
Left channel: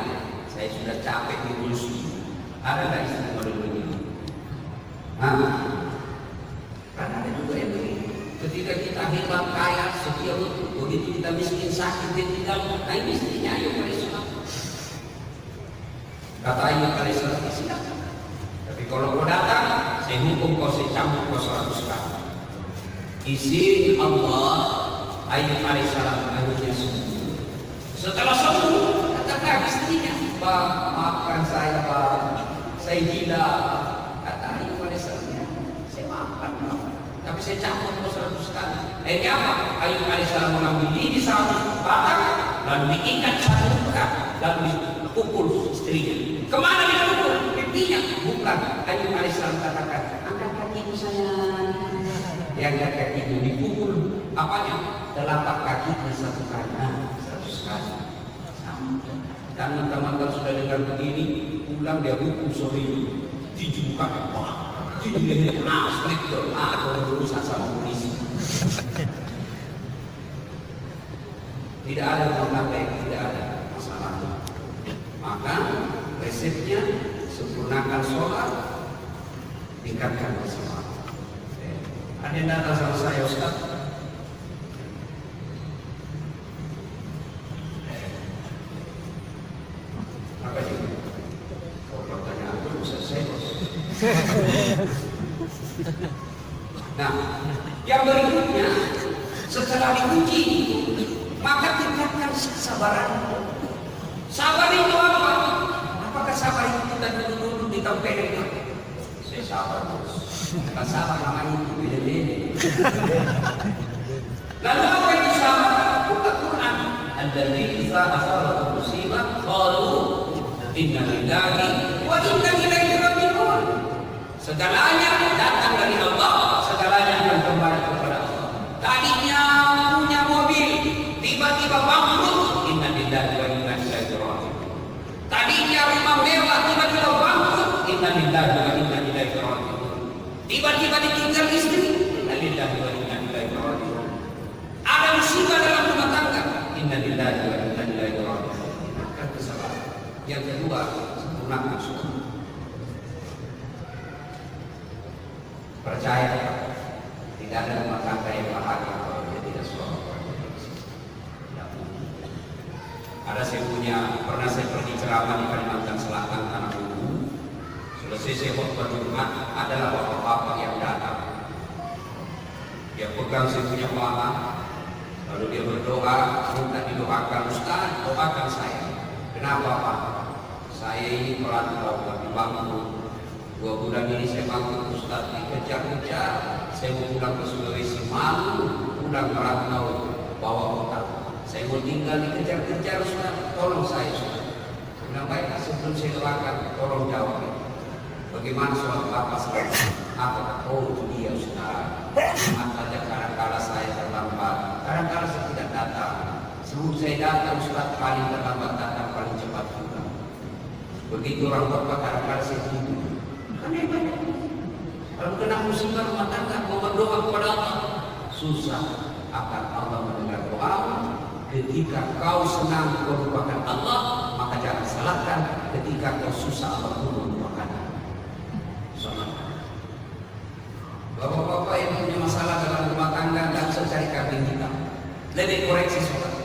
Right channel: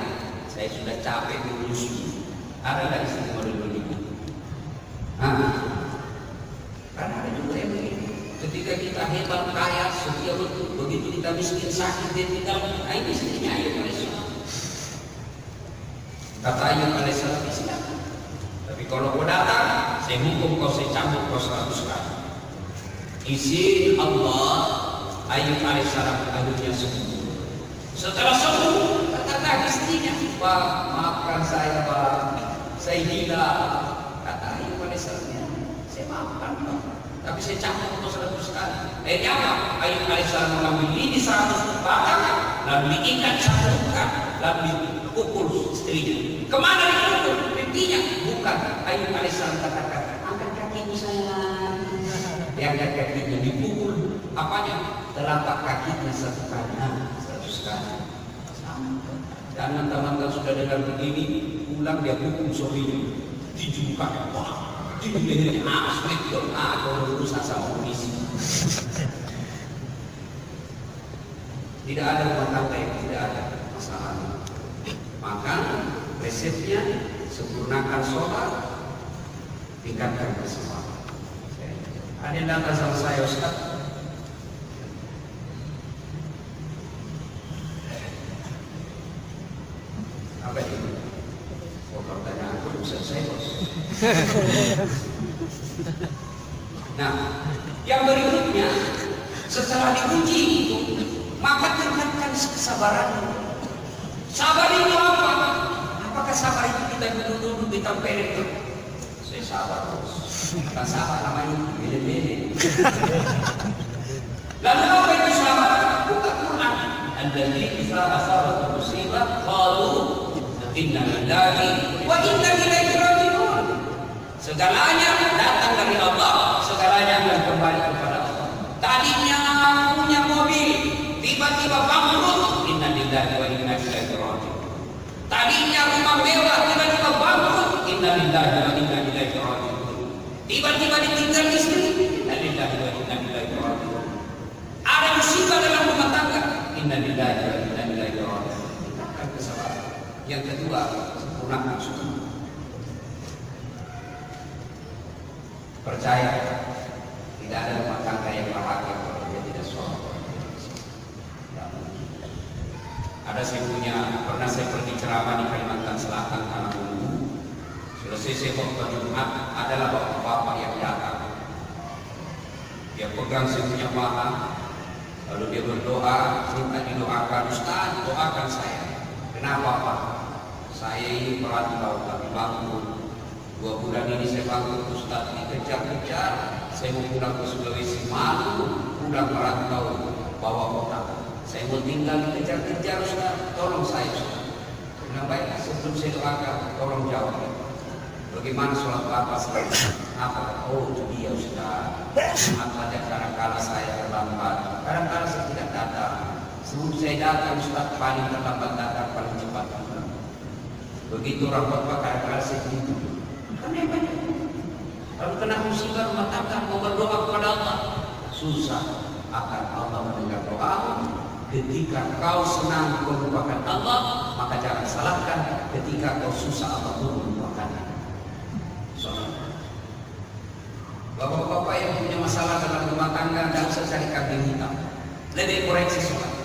Saya sudah capek di kursi. Ada nggak istri model begitu? Karena ada juga yang begini. Ketika kita hebat, kaya, setia betul, begitu kita miskin, sakit, dia tinggal. Ini istrinya Ayub alaihissalam. Kata Ayub alaihissalam, silakan. Tapi kalau kau datang, saya hukum kau, saya cabut kau 100 tahun. Izin Allah, Ayub alaihissalam akhirnya sembuh. Setelah sembuh, katakan istrinya, Pak, maafkan saya, Pak. Saya gila. Kata Ayub alaihissalam, saya maafkan kau. Tapi saya cabut kau 100 kali. Apa? Ayub alaihissalam mengambil lidi satu bakar, lalu diikat satu luka, lalu dipukul istrinya. Kemana dipukul? Pipinya. Bukan. Ayub alaihissalam katakan, angkat kakimu sayang. Yang kakinya dipukul. Apanya? Telapak kakinya 1 kali. 100 kali. Dan teman-teman kalau sudah dengar begini, pulang dia hukum sorry. Dijubukan. Dijubukan. Maaf sekali. Berurusan sama polisi. Tidak ada rumah tangga yang tidak ada masalah. Maka resepnya sempurnakan sholat, tingkatkan sholat. Ada yang datang sama saya, Ustaz, Nah, yang berikutnya setelah diuji, maka tingkatkan kesabaran. Sabar itu apa? Apakah sabar itu kita dulu ditempelin? Saya sabar terus. Bukan sabar namanya beda-beda. Lalu apa itu sabar? Buka Quran. Alladzi idza asabatu musibah qalu inna lillahi wa inna ilaihi raji'un. Segalanya datang dari Allah, segalanya akan kembali kepada Allah. Tadinya punya mobil, tiba-tiba bangkrut, inna lillahi wa inna ilaihi raji'un. Tadinya rumah mewah, tiba-tiba bangkrut, inna lillahi wa inna ilaihi raji'un. Tiba-tiba ditinggal istri, inna lillahi wa inna ilaihi raji'un. Ada musibah dalam rumah tangga, inna lillahi wa inna ilaihi raji'un. Yang kedua, sempurnakan syukur. Percaya tidak ada rumah tangga yang bahagia kalau dia tidak sholat. Ada saya pernah saya pergi ceramah di Kalimantan Selatan, anak umum. Selesai saya khutbah Jumat, adalah bapak-bapak yang datang. Dia pegang saya punya mama, lalu dia berdoa, minta didoakan, Ustaz, doakan saya. Kenapa Pak? Saya ini pelatih laut tapi bangkrut. 2 bulan ini saya bangkrut Ustaz, dikejar-kejar. Saya mau pulang ke Sulawesi, malu pulang pelatih laut, bawa otak. Saya mau tinggal dikejar-kejar Ustaz, tolong saya Ustaz. Bilang baik, sebelum saya doakan, tolong jawab. Bagaimana sholat Bapak sekarang? Apa? Oh itu dia Ustaz. Maaf saja kadang-kadang saya terlambat, kadang-kadang saya tidak datang. Sebelum saya datang Ustaz, paling terlambat datang, paling cepat pulang. Begitu orang Bapak kadang-kadang saya tidur. Kalau kena musibah rumah tangga mau berdoa kepada Allah, susah akan Allah mendengar doa. Ketika kau senang melupakan Allah, maka jangan salahkan ketika kau susah Allah melupakan. Bapak-bapak yang punya masalah dalam rumah tangga tidak usah cari kambing hitam, lebih koreksi sholat.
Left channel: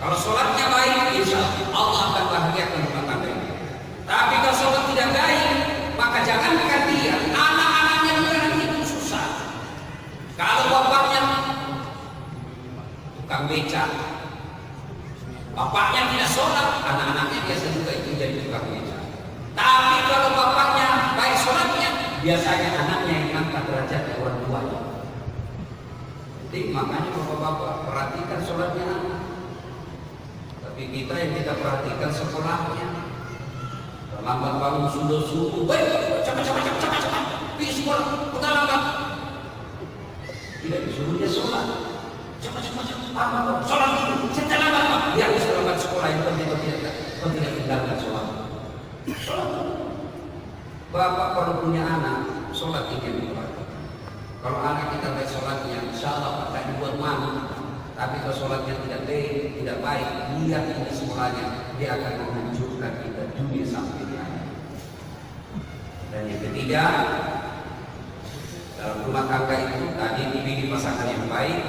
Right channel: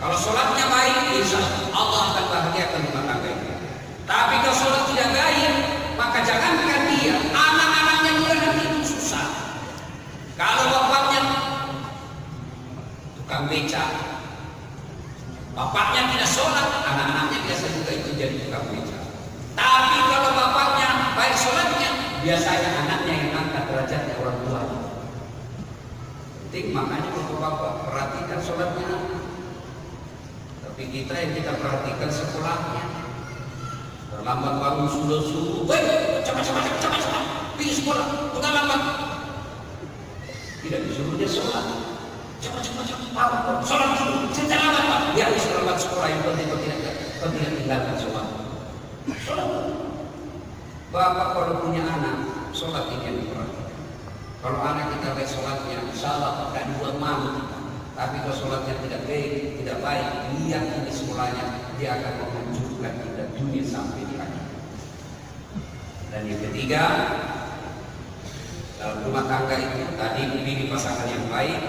Kalau sholatnya baik, insya Allah akan bahagiakan rumah tangga ini. Tapi kalau sholat tidak baik, maka jangankan dia, anak-anaknya dia nanti itu susah. Kalau bapaknya tukang beca, bapaknya tidak sholat, anak-anaknya biasa juga itu jadi tukang beca. Tapi kalau bapaknya baik sholatnya, biasanya anaknya yang angkat derajatnya orang tua. Penting, makanya bapak-bapak perhatikan sholatnya. Tapi kita yang kita perhatikan sekolahnya. Terlambat bangun subuh, cepat, pergi sekolah, udah lambat. Tidak disuruhnya sholat. Cepat, sholat dulu, saya lambat Pak. Biar bisa lambat sekolah itu tidak tinggalkan sholat. Sholat. Bapak kalau punya anak, sholat ini yang kalau anak kita baik sholatnya, insya Allah akan bermanfaat. Tapi kalau sholatnya tidak baik, lihat ini sekolahnya, dia akan memunculkan kita dunia sampai di akhir. Dan yang ketiga, dalam rumah tangga itu tadi pilih pasangan yang baik,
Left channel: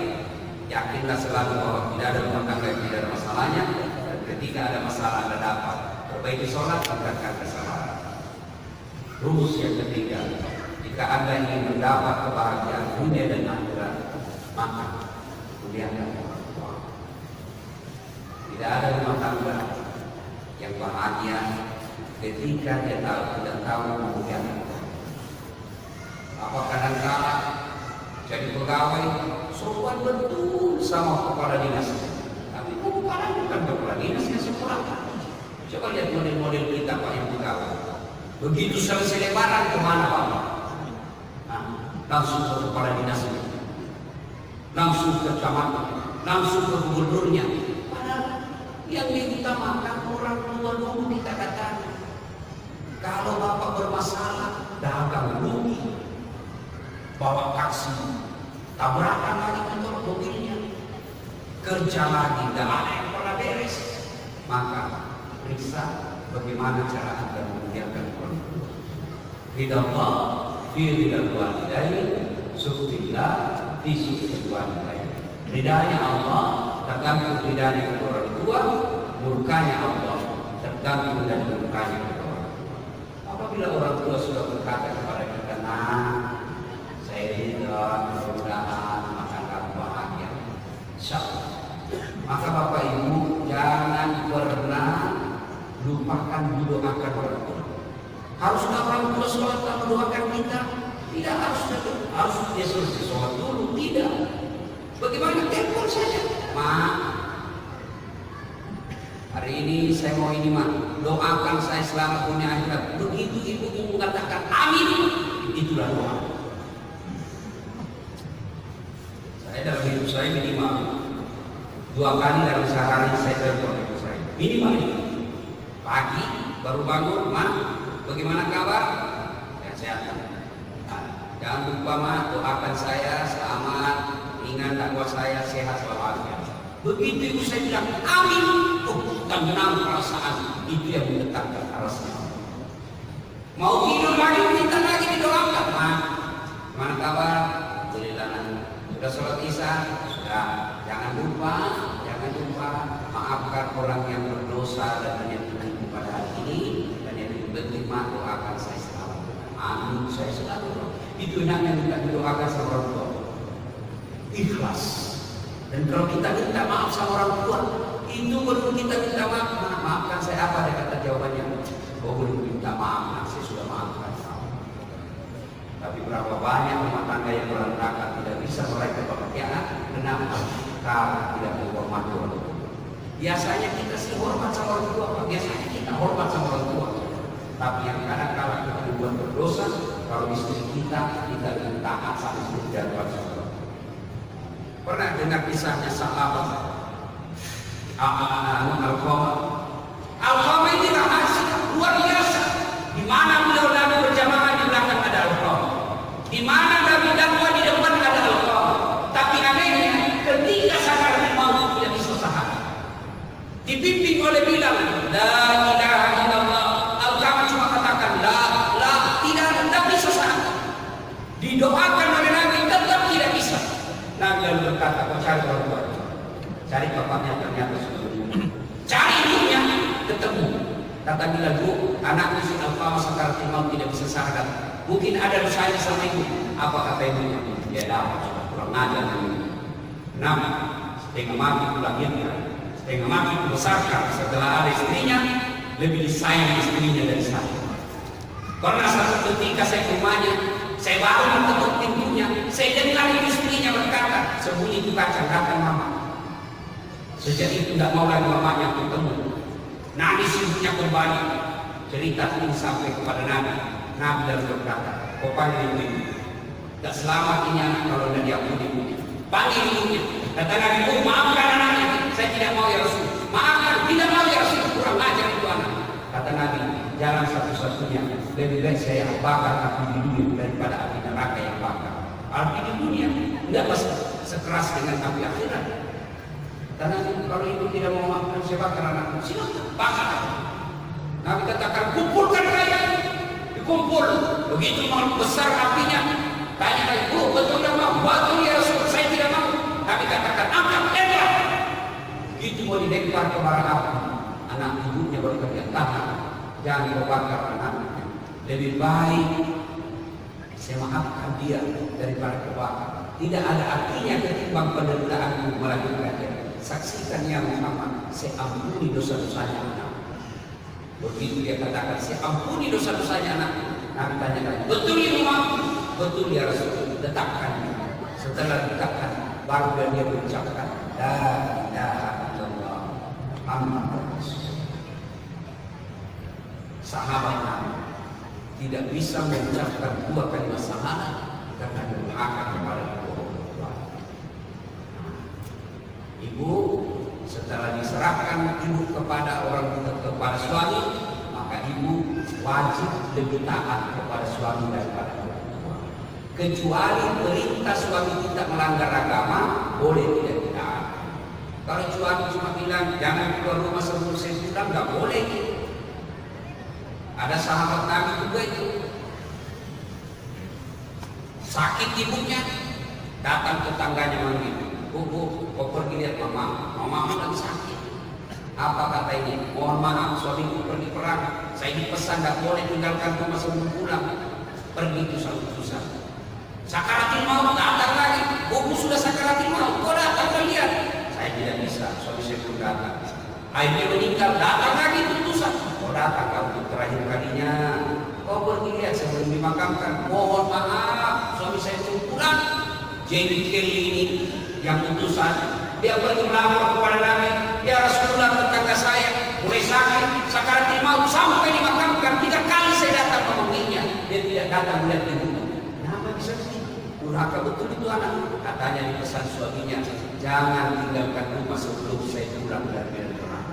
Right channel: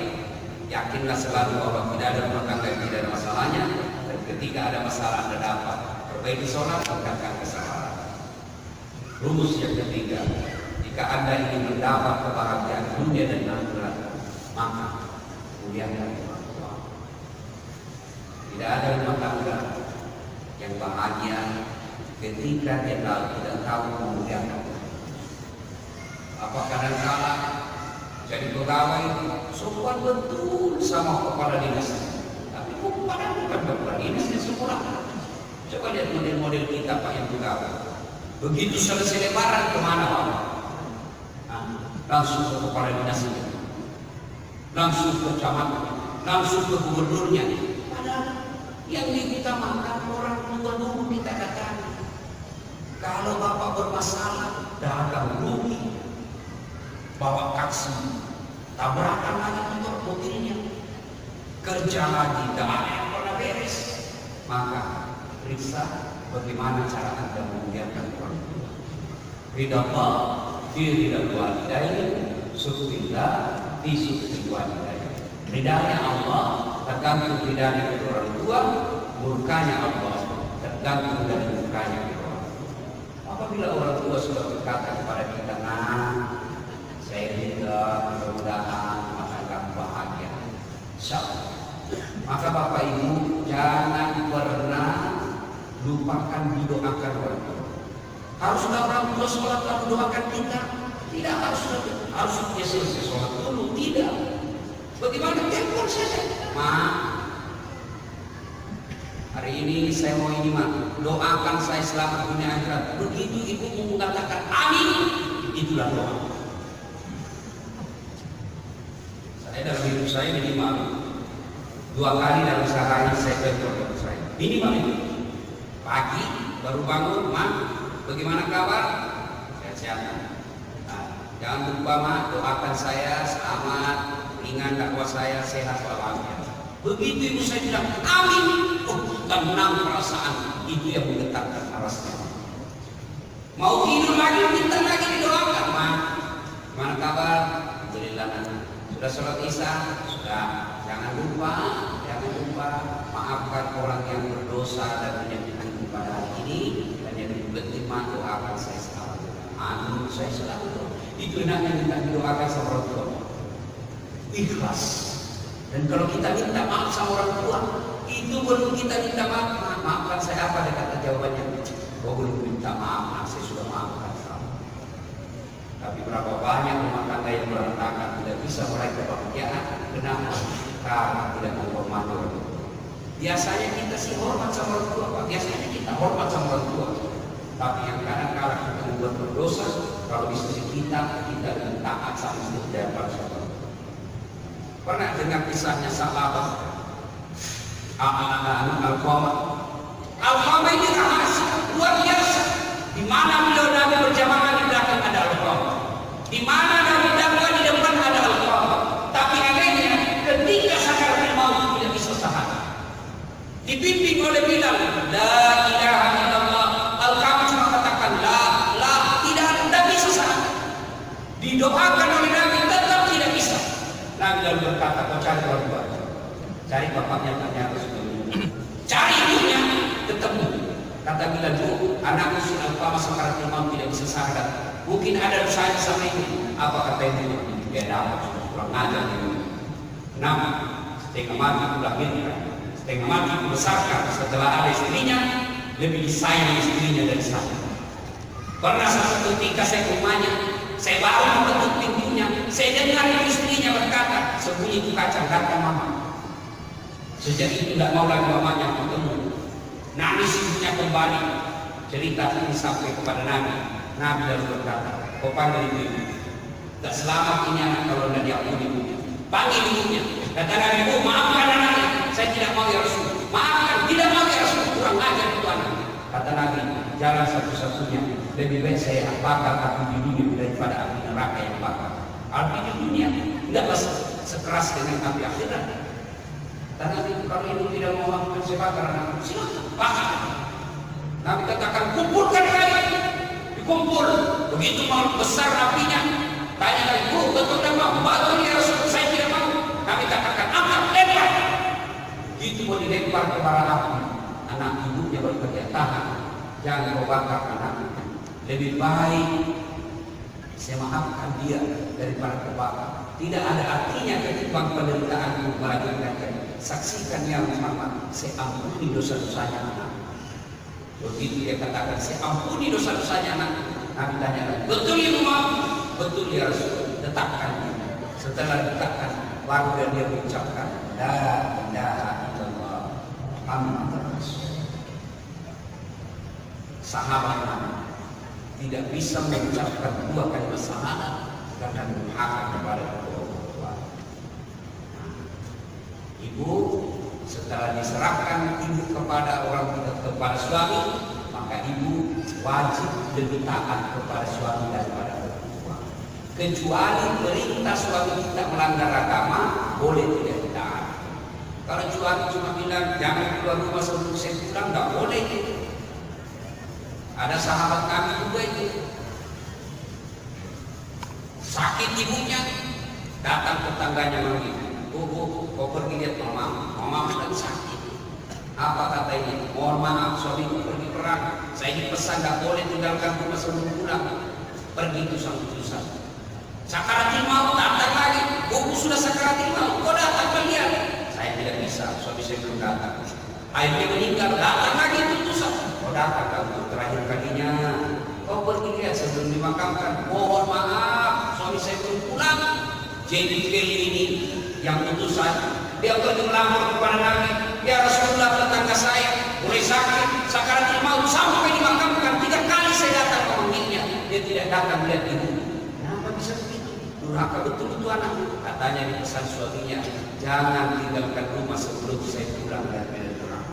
yakinlah selalu bahwa tidak ada rumah tangga yang tidak ada masalahnya. Dan ketika ada masalah Anda dapat perbaiki sholat, tingkatkan kesabaran. Rumus yang ketiga, jika Anda ingin mendapat kebahagiaan dunia dan akhirat, maka muliakan orang tua. Tidak ada rumah tangga yang bahagia ketika dia tidak tahu memuliakan. Apa kadang-kadang jadi pegawai suruhan betul sama kepala dinas, tapi bukan kepala dinasnya semua. Coba lihat model-model kita Pak yang pegawai. Begitu selesai lebaran kemana Pak? Langsung ke kepala dinas, langsung ke camat, langsung ke gubernurnya. Yang kita makan orang tua minta kata, kalau bapak bermasalah, datang rugi, bawa taksi, tabrakan lagi motor mobilnya, kerja lagi, tidak ada yang pernah beres. Maka periksa bagaimana cara Anda memuliakan orang tua. Ridha Allah, ridha walidain, subtillah, subtil walidain. Ridhanya Allah tergantung ridhanya kedua orang tua, murkanya Allah tergantung dari murkanya kedua orang tua. Apabila orang tua sudah lupakan didoakan orang tua. Haruskah orang tua sholat lalu doakan kita? Tidak harus. Harus dia selesai sholat dulu. Tidak. Bagaimana telepon saja? Hari ini saya mau ini doakan saya selamat dunia akhirat. Begitu ibu mengatakan amin, itulah doa. Saya dalam hidup saya minimal 2 kali dalam sehari saya telepon saya. Minimal ini. Pagi baru bangun, bagaimana kabar? Sehat-sehat. Jangan lupa doakan saya selamat, ringan dakwah saya sehat walafiat. Begitu ibu saya bilang amin, bukan menang perasaan itu yang mendekatkan arasnya. Mau tidur lagi minta lagi didoakan. Gimana kabar? Alhamdulillah. Sudah sholat isya? Sudah. Jangan lupa maafkan orang yang berdosa dan menyakitkan pada hari ini, dan yang penting doakan saya selamat. Amin, saya selalu. Itu enaknya kita doakan sama orang tua. Ikhlas. Dan kalau kita minta maaf sama orang tua, itu belum kita minta maaf. Maafkan saya apa? Dia kata jawabannya, oh belum minta maaf, saya sudah maafkan kamu. Tapi berapa banyak rumah tangga yang berantakan tidak bisa meraih kebahagiaan karena kita tidak menghormati orang tua. Biasanya kita sih hormat sama orang tua, Pak. Biasanya kita hormat sama orang tua. Tapi yang kadang-kadang kita membuat berdosa, kalau istri kita taat sama istrinya. Pernah dengar kisahnya sahabat Al-Qamah ini rahasia luar biasa. Di mana beliau Nabi berjamaah di belakang ada Al-Qamah. Di mana Nabi dakwah di depan ada Al-Qamah. Tapi anehnya ketika sakaratul maut tidak bisa sahabat. Dibimbing oleh bilang la ilaha illallah. Al-Qamah cuma katakan la tidak bisa sahabat. Didoakan oleh Nabi tetap tidak bisa. Nabi lalu berkata, kau cari orang tua, cari bapaknya ternyata sudah meninggal. Cari ibunya, ketemu. Kata Bilal, bu, anakku sudah lama sakaratul maut tidak bisa sahadat. Mungkin ada dosanya sama ini. Apa kata ibunya? Dia dapat sudah kurang ajar dengan Nabi. Setengah mati lahirnya, setengah mati dibesarkan. Setelah ada istrinya, lebih disayang istrinya dari saya. Karena satu ketika saya ke rumahnya, saya baru ketuk pintunya, saya dengar istrinya berkata, sembunyi itu kacang datang mama. Sejak itu tidak mau lagi mamanya ketemu. Nangis ibunya kembali. Cerita ini sampai kepada Nabi. Nabi lalu berkata, kau panggil ibu. Tak selamat punya anak kalau tidak dia punya ibunya. Panggil ibunya. Kata Nabi, bu, maafkan anaknya. Saya tidak mau ya Rasul. Maafkan, tidak mau ya Rasul. Kurang ajar itu anak. Kata Nabi, jalan satu-satunya. Lebih baik saya bakar api di dunia daripada api neraka yang bakar. Api di dunia tidaklah sekeras dengan api akhirat. Karena kalau itu tidak memaafkan saya bakar anakku, silakan bakar. Nabi katakan kumpulkan kalian, dikumpul. Begitu mau besar apinya, tanya ibu, betul tidak mau? Betul ya Rasul, saya tidak mau. Nabi katakan angkat lempar. Begitu mau dilempar ke bara api, anak ibunya berkata tahan, jangan kau bakar anaknya. Lebih baik saya maafkan dia daripada kebakar. Tidak ada artinya ketimbang penderitaanmu melanjutkannya. Saksikan ya Muhammad, saya ampuni dosa-dosanya anak. Begitu dia katakan, saya ampuni dosa-dosanya anak. Kami tanyakan, betul ya Muhammad? Betul ya Rasul. Letakkan. Setelah letakkan, baru dia mengucapkan la ilaha illallah Muhammadur Rasul. Sahabat Nabi tidak bisa mengucapkan dua kalimat syahadat karena durhaka kepada kedua orang tua. Ibu setelah diserahkan ibu kepada kepada suami, maka ibu wajib lebih taat kepada suami daripada orang tua. Kecuali perintah suami kita melanggar agama, boleh tidak ditaat. Kalau suami cuma bilang jangan keluar rumah sebelum saya pulang, nggak boleh itu. Ada sahabat kami juga itu sakit ibunya, datang tetangganya manggil, bu, kau pergi lihat mama sedang sakit. Apa kata ini? Mohon maaf, suamiku pergi perang. Saya dipesan tidak boleh tinggalkan rumah sebelum pulang. Pergi itu susah. Sakaratul maut datang lagi, buku sudah sakaratul maut, kau datang kalian. Saya tidak bisa, suami saya belum datang. Akhirnya meninggal, datang lagi itu susah. datang untuk terakhir kalinya. Kau pergi lihat sebelum dimakamkan. Mohon maaf, suami saya belum pulang. Jadi ini yang utusan, dia pergi melapor kepada Nabi. Ya Rasulullah, tetangga saya mulai sakit, sakaratul maut, sampai dimakamkan 3 kali saya datang memanggilnya. Dia tidak datang melihat ibu. Kenapa bisa begitu? Durhaka betul itu anak. Katanya di pesan suaminya, jangan tinggalkan rumah sebelum saya pulang dari perang.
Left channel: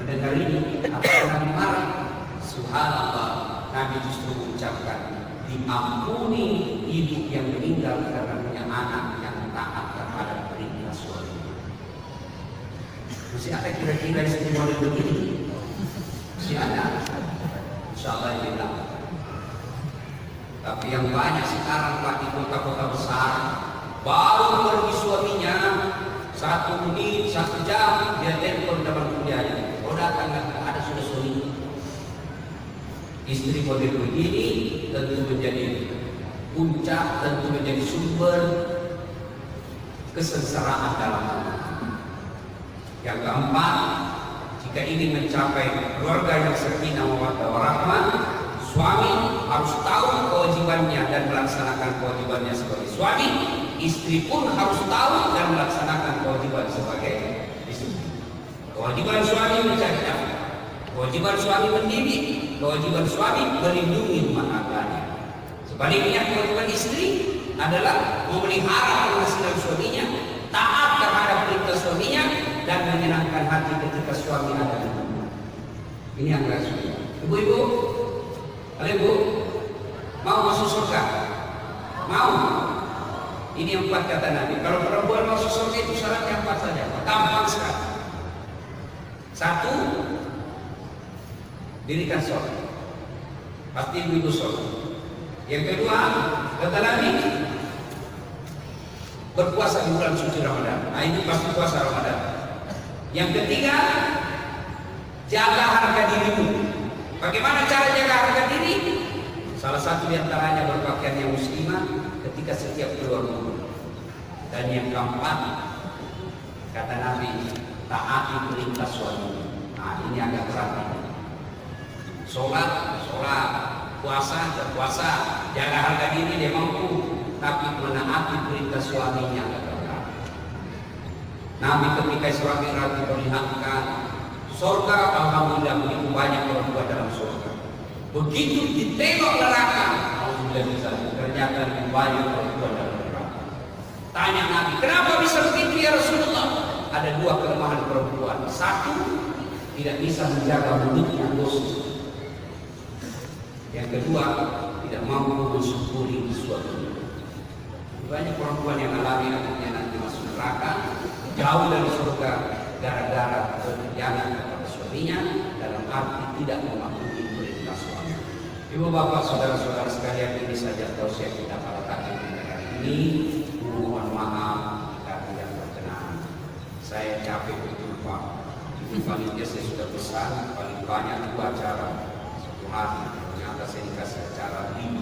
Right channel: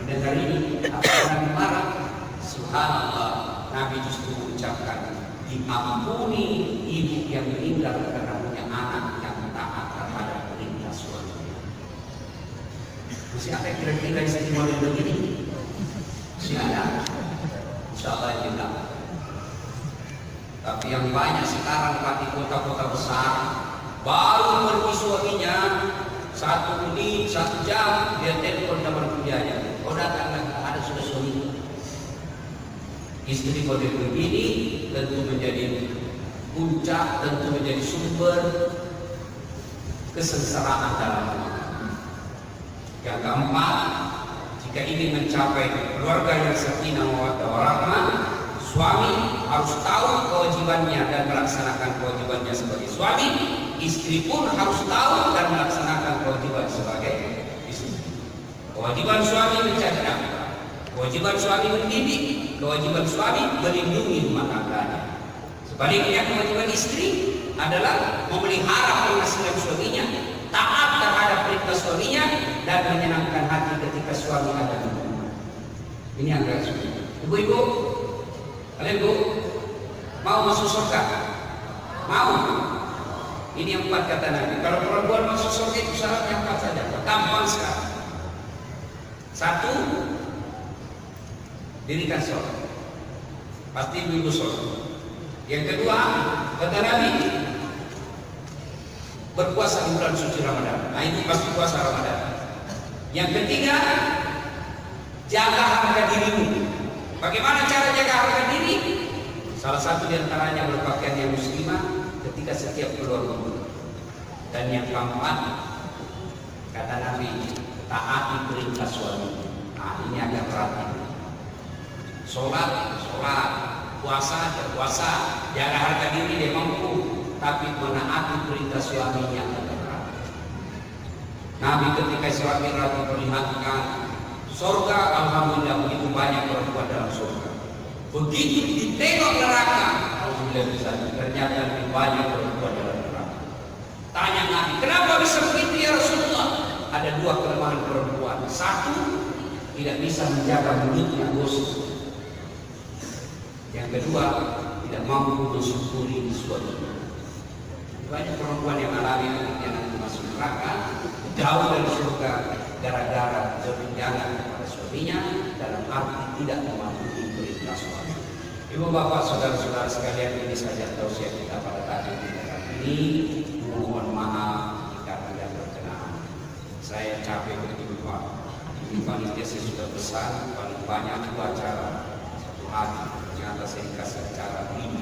Mendengar ini, apa yang marah? Subhanallah, Nabi justru mengucapkan, diampuni ibu yang meninggal karena punya anak yang taat terhadap perintah suami. Masih ada kira-kira istimewa ini? Masih ada. Insyaallah jenak. Tapi yang banyak sekarang di kota-kota besar, baru pergi suaminya 1 menit, 1 jam, dia telepon kabar kerjanya. Kau datang nggak? Ada sudah suami. Istri model begini tentu menjadi puncak, tentu menjadi sumber kesengsaraan dalam hidup. Yang keempat, jika ingin mencapai keluarga yang sakinah mawaddah warahmah, suami harus tahu kewajibannya dan melaksanakan kewajibannya sebagai suami. Istri pun harus tahu dan melaksanakan kewajiban sebagai istri. Kewajiban suami mencari nafkah, kewajiban suami mendidik, kewajiban suami melindungi rumah tangganya. Sebaliknya kewajiban istri adalah memelihara penghasilan suaminya, taat terhadap perintah suaminya, dan menyenangkan hati ketika suami ada di rumah. Ini yang harus. Ibu-ibu, kalian bu, mau masuk surga? Mau? Ini yang 4 kata Nabi. Kalau perempuan masuk surga itu syaratnya 4 saja. Gampang sekali. 1, dirikan sholat. Pasti ibu-ibu sholat. Yang kedua, kata Nabi, berpuasa di bulan suci Ramadan. Nah ini pasti puasa Ramadan. Yang ketiga, jaga harga dirimu. Bagaimana cara jaga harga diri? Salah satu diantaranya berpakaian yang muslimah ketika setiap keluar rumah. Dan yang keempat, kata Nabi, taati perintah suami. Nah ini agak berat. Sholat, puasa, jaga harga diri dia mampu, tapi menaati perintah suaminya. Nabi ketika Isra Mi'raj diperlihatkan surga, alhamdulillah begitu banyak perempuan dalam surga. Begitu ditengok neraka, ternyata lebih banyak perempuan dalam neraka. Tanya Nabi, kenapa bisa begitu ya Rasulullah? Ada 2 kelemahan perempuan. 1, tidak bisa menjaga mulutnya dosa. Yang kedua, tidak mampu mensyukuri suami. Banyak perempuan yang alami yang nanti masuk neraka, jauh dari surga gara-gara keberpihakan kepada suaminya dalam arti tidak mematuhi perintah suami. Ibu bapak saudara-saudara sekalian, ini saja tausiah kita pada pagi ini. Mohon maaf karena tidak berkenan. Saya capek berjumpa. Di panitia saya sudah pesan paling banyak 2 acara 1 hari. Ternyata saya kasih acara 5.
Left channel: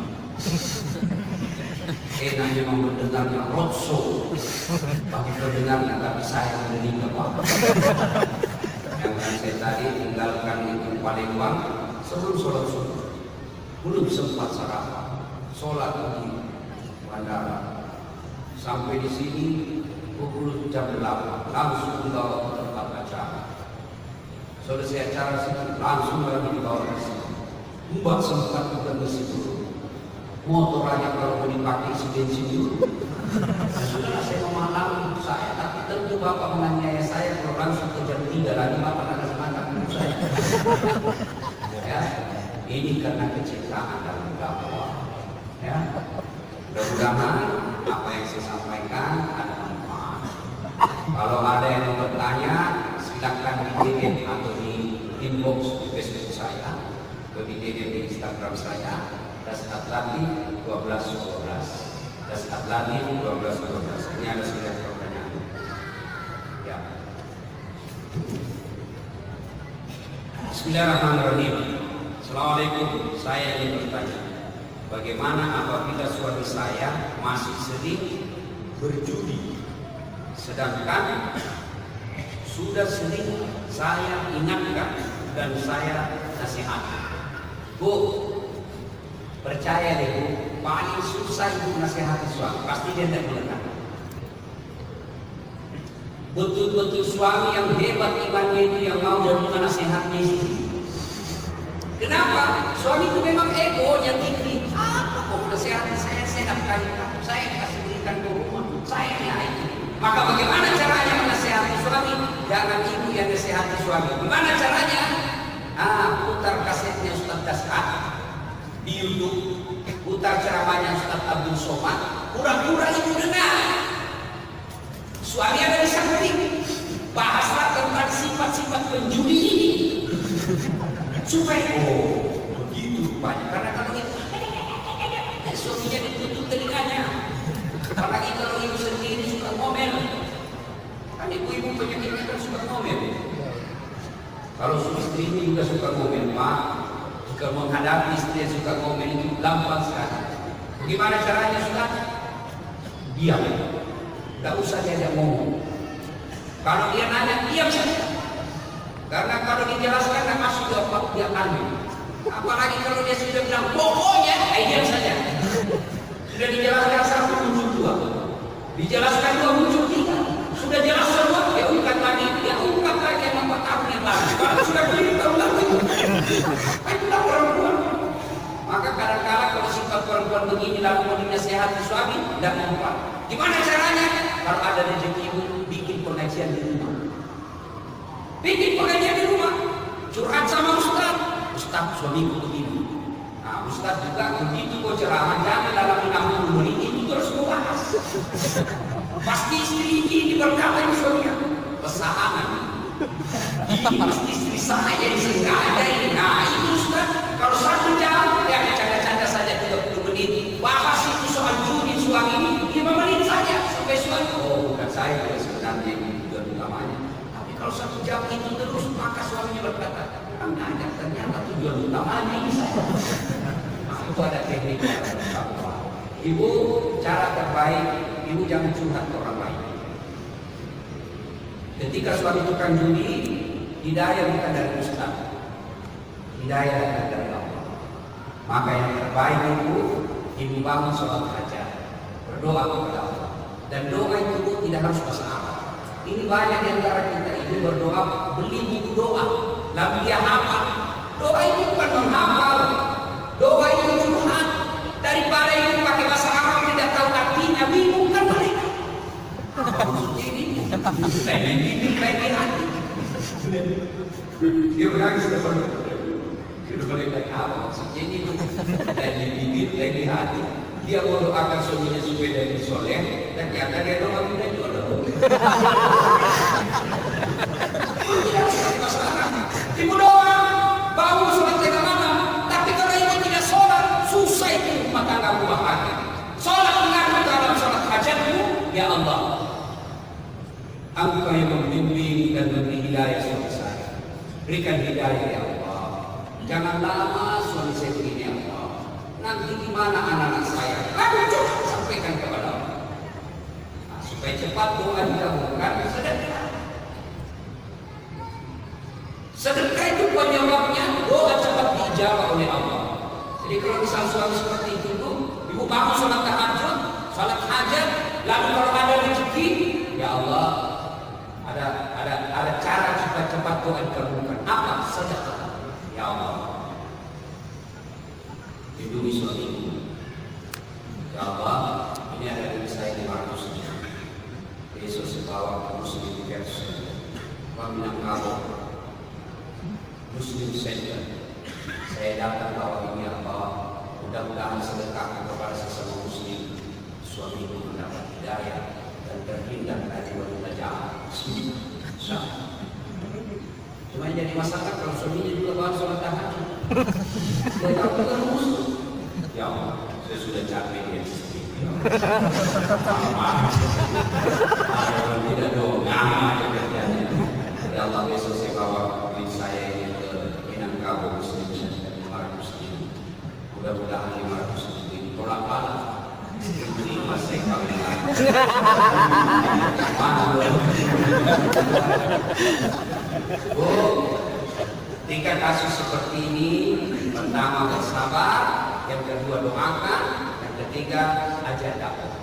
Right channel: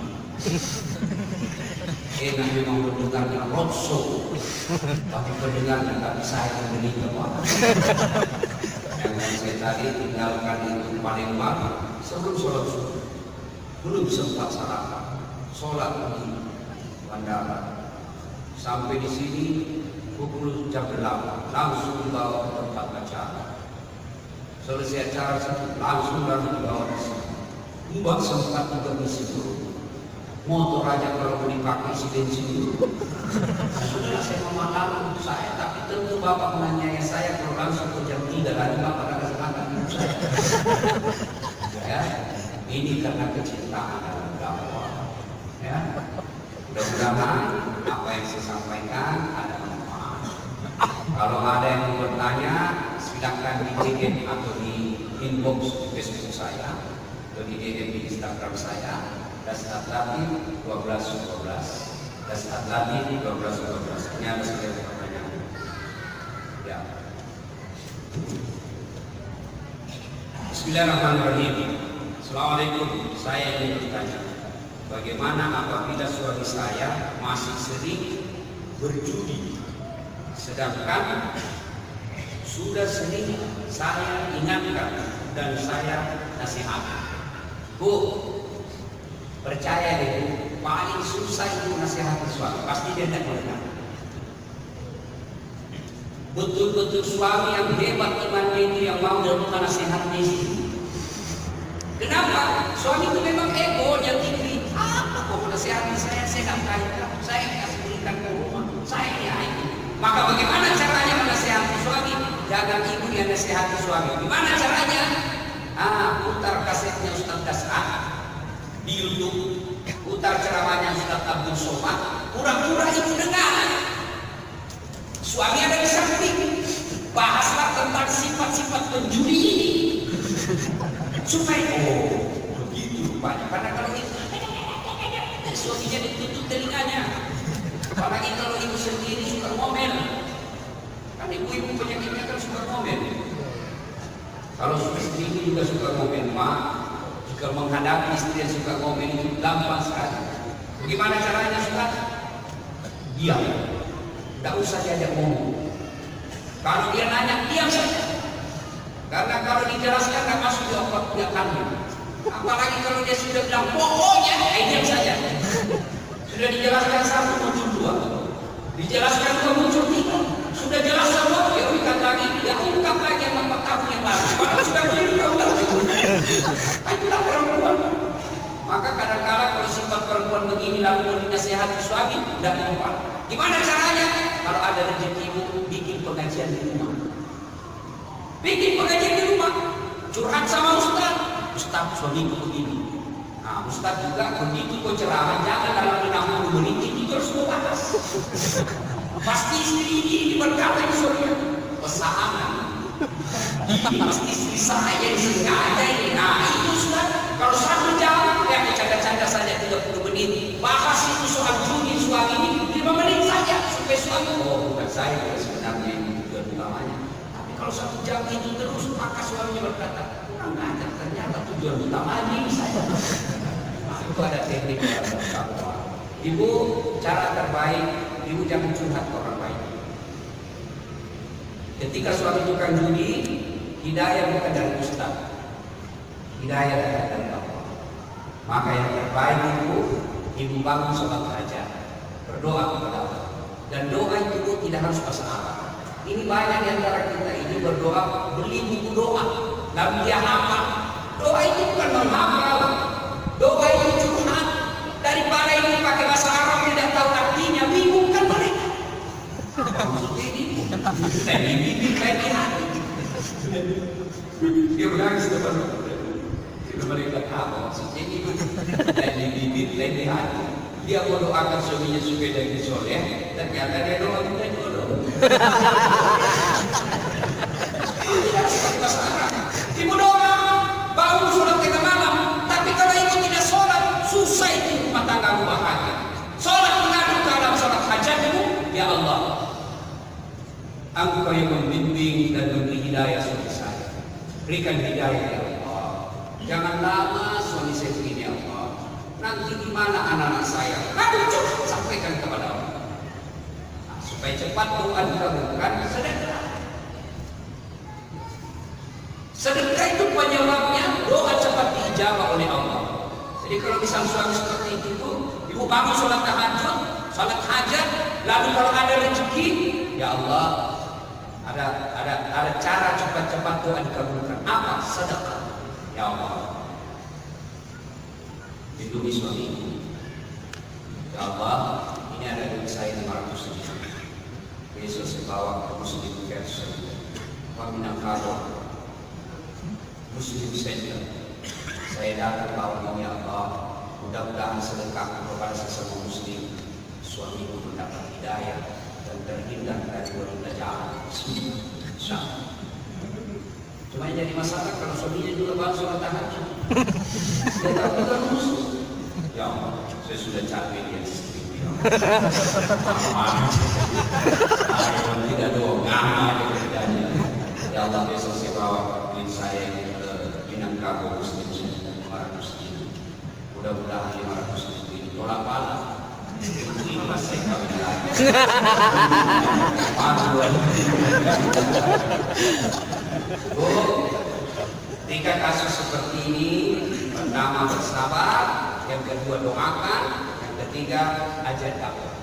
Enak memang mendengarnya roadshow, tapi pendengarnya tapi saya menderita waktu. Jangan saya tadi tinggalkan itu Palembang sebelum sholat subuh, belum sempat sarapan, sholat di bandara. Sampai di sini pukul jam 8, langsung dibawa ke tempat acara. Selesai acara langsung lagi dibawa ke sini. Mbak sempat juga misi motor aja kalau mau dipakai isi bensin itu. Sudah saya memahami untuk saya, tapi tentu bapak menganiaya saya kalau langsung ke jam 3 lagi bapak akan silakan untuk saya. Ya, ini karena kecintaan dalam agama. Ya, mudah-mudahan apa yang saya sampaikan ada manfaat. Kalau ada yang mau bertanya, silakan di DM atau di inbox Facebook saya, atau di DM di Instagram saya. Dasnat tadi 12. Dasnat tadi 12. Ini ada sekian pertanyaan. Ya. Bismillahirrahmanirrahim. Assalamualaikum. Saya ingin bertanya, bagaimana apabila suami saya masih sering berjudi, sedangkan sudah sering saya ingatkan dan saya nasihat. Bu, percaya deh Bu, paling susah ibu nasihati suami, pasti dia tidak berkah. Betul-betul suami yang hebat imannya itu yang mau dan menasihati istri. Kenapa? Suami itu memang ego yang tinggi. Apa kok menasihati saya nafkahin, saya kasih ikan ke rumah, saya ini. Maka bagaimana caranya menasihati suami? Jangan ibu yang nasihati suami. Gimana caranya? Putar kasetnya Ustaz Dasar di YouTube, putar ceramahnya Ustaz Abdul Somad, pura-pura ibu dengar. Suami ada di samping, bahaslah tentang sifat-sifat penjudi ini. Supaya begitu rupanya. Karena kalau suaminya ditutup telinganya, apalagi kalau ibu sendiri suka ngomel. Kan ibu-ibu penyakitnya kan suka ngomel. Kalau istri ini juga suka ngomel, Pak. Jika menghadapi istri yang suka ngomel itu gampang sekali. Bagaimana caranya Ustaz? Diam. Tak usah diajak ngomong. Kalau dia nanya, diam saja. Karena kalau dijelaskan tak masuk jawaban tidak pandai. Apalagi kalau dia sudah bilang pokoknya, diam saja. Sudah dijelaskan satu muncul dua, dijelaskan dua muncul tiga. Sudah jelas semua, dia ungkap tadi, tidak ungkap lagi apa tahun yang lalu. Mana sudah diungkap lagi? Itulah perempuan. Maka kadang-kadang kalau sifat perempuan begini lalu mau dinasihati suami dan mempan. Gimana caranya? Kalau ada rezekimu, bikin pengajian di rumah. Bikin pengajian di rumah. Curhat sama Ustaz. Ustaz, suamiku begini. Nah, Ustaz juga begitu kok ceramah, jangan dalam 60 menit itu harus kau bahas. Pasti istri ini berkata suaminya, pesanan. Ini pasti istri saya jadi sengaja ini. Nah itu Ustaz, kalau 1 jam yang bercanda-canda saja 30 menit, bahas itu soal judi suami ini 5 menit saja supaya suami. Oh, bukan saya sebenarnya ini tujuan utamanya. Tapi kalau 1 jam itu terus, maka suaminya berkata, kurang ajar ternyata tujuan utamanya ini saya. Nah, itu ada teknik. Ibu, cara terbaik, ibu jangan curhat ke orang lain. Ketika suami tukang judi, hidayah bukan dari Ustaz, hidayah dari Allah. Maka yang terbaik ibu bangun sholat hajat, berdoa kepada Allah. Dan doa itu tidak harus bahasa Arab. Ini banyak di antara kita itu berdoa beli buku doa, tapi dia hafal. Doa itu bukan menghafal, doa itu curhat. Daripada ini pakai bahasa Arab tidak tahu artinya, bingung kan mereka. Ini kayak dia menangis depan. Dia mereka tahu ini dari bibir lagi hati. Dia mau doakan suaminya supaya dari soleh, ternyata dia doa kita jodoh. Ibu doa bangun sholat tengah malam, tapi kalau ibu tidak sholat susah itu mata kamu bahagia. Sholat mengandung dalam sholat hajatmu, ya Allah. Engkau yang membimbing dan memberi hidayah suami saya. Berikan hidayah ya Allah. Jangan lama suami saya begini ya Allah. Nanti gimana anak-anak saya? Lalu cukup sampaikan kepada Allah. Nah, supaya cepat doa dikabulkan sedekah. Sedekah itu penyebabnya doa cepat dijawab oleh Allah. Jadi kalau misal suami seperti itu, ibu bangun sholat tahajud, sholat hajat, lalu kalau ada rezeki, ya Allah. Ada cara cepat-cepat doa dikabulkan. Apa? Sedekah. Ya Allah. Lindungi suami. Ya Allah, ini ada duit saya 500 juta. Yesus bawa kursi di versi. Wabilang kabur. Muslim saja. Saya dapat apa ini Allah. Mudah-mudahan sedekah kepada sesama muslim. Suami mendapat hidayah dan terhindar dari wanita jahat. Cuma jadi masalah kalau suaminya juga mau sholat tahajud. Saya tahu terus. Ya Allah, saya sudah capek ya istri. Kalau tidak mau ngama aja kerjanya. Ya Allah besok saya bawa duit saya ke Minangkabau Station 500. Mudah-mudahan 500 lebih. Tolak pala. Ini masih kawin lagi. Ketika kasus seperti ini, pertama bersabar, yang kedua doakan, yang ketiga ajak dakwah.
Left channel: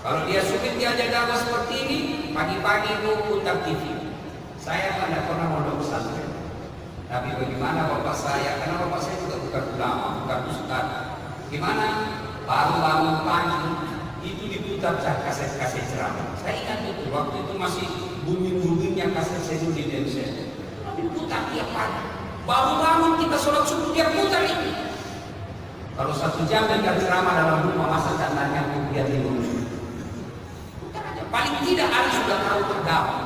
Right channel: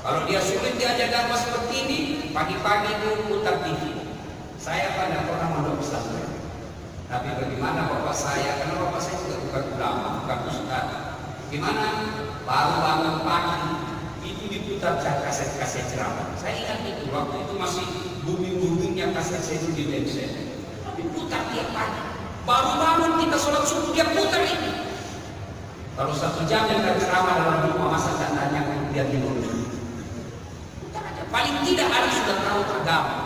Kalau dia sulit diajak dakwah seperti ini, pagi-pagi itu putar TV. Saya pernah mondok pesantren. Tapi bagaimana bapak saya? Karena bapak saya juga bukan ulama, bukan ustaz. Gimana? Baru bangun pagi itu diputar kaset ceramah. Saya ingat itu waktu itu masih booming-boomingnya kaset Sayyidina Syekh. Diputar tiap pagi. Baru bangun kita sholat subuh dia putar itu. Kalau 1 jam kita ceramah dalam rumah masa katanya dia tidur. Putar aja. Paling tidak harus sudah tahu agama.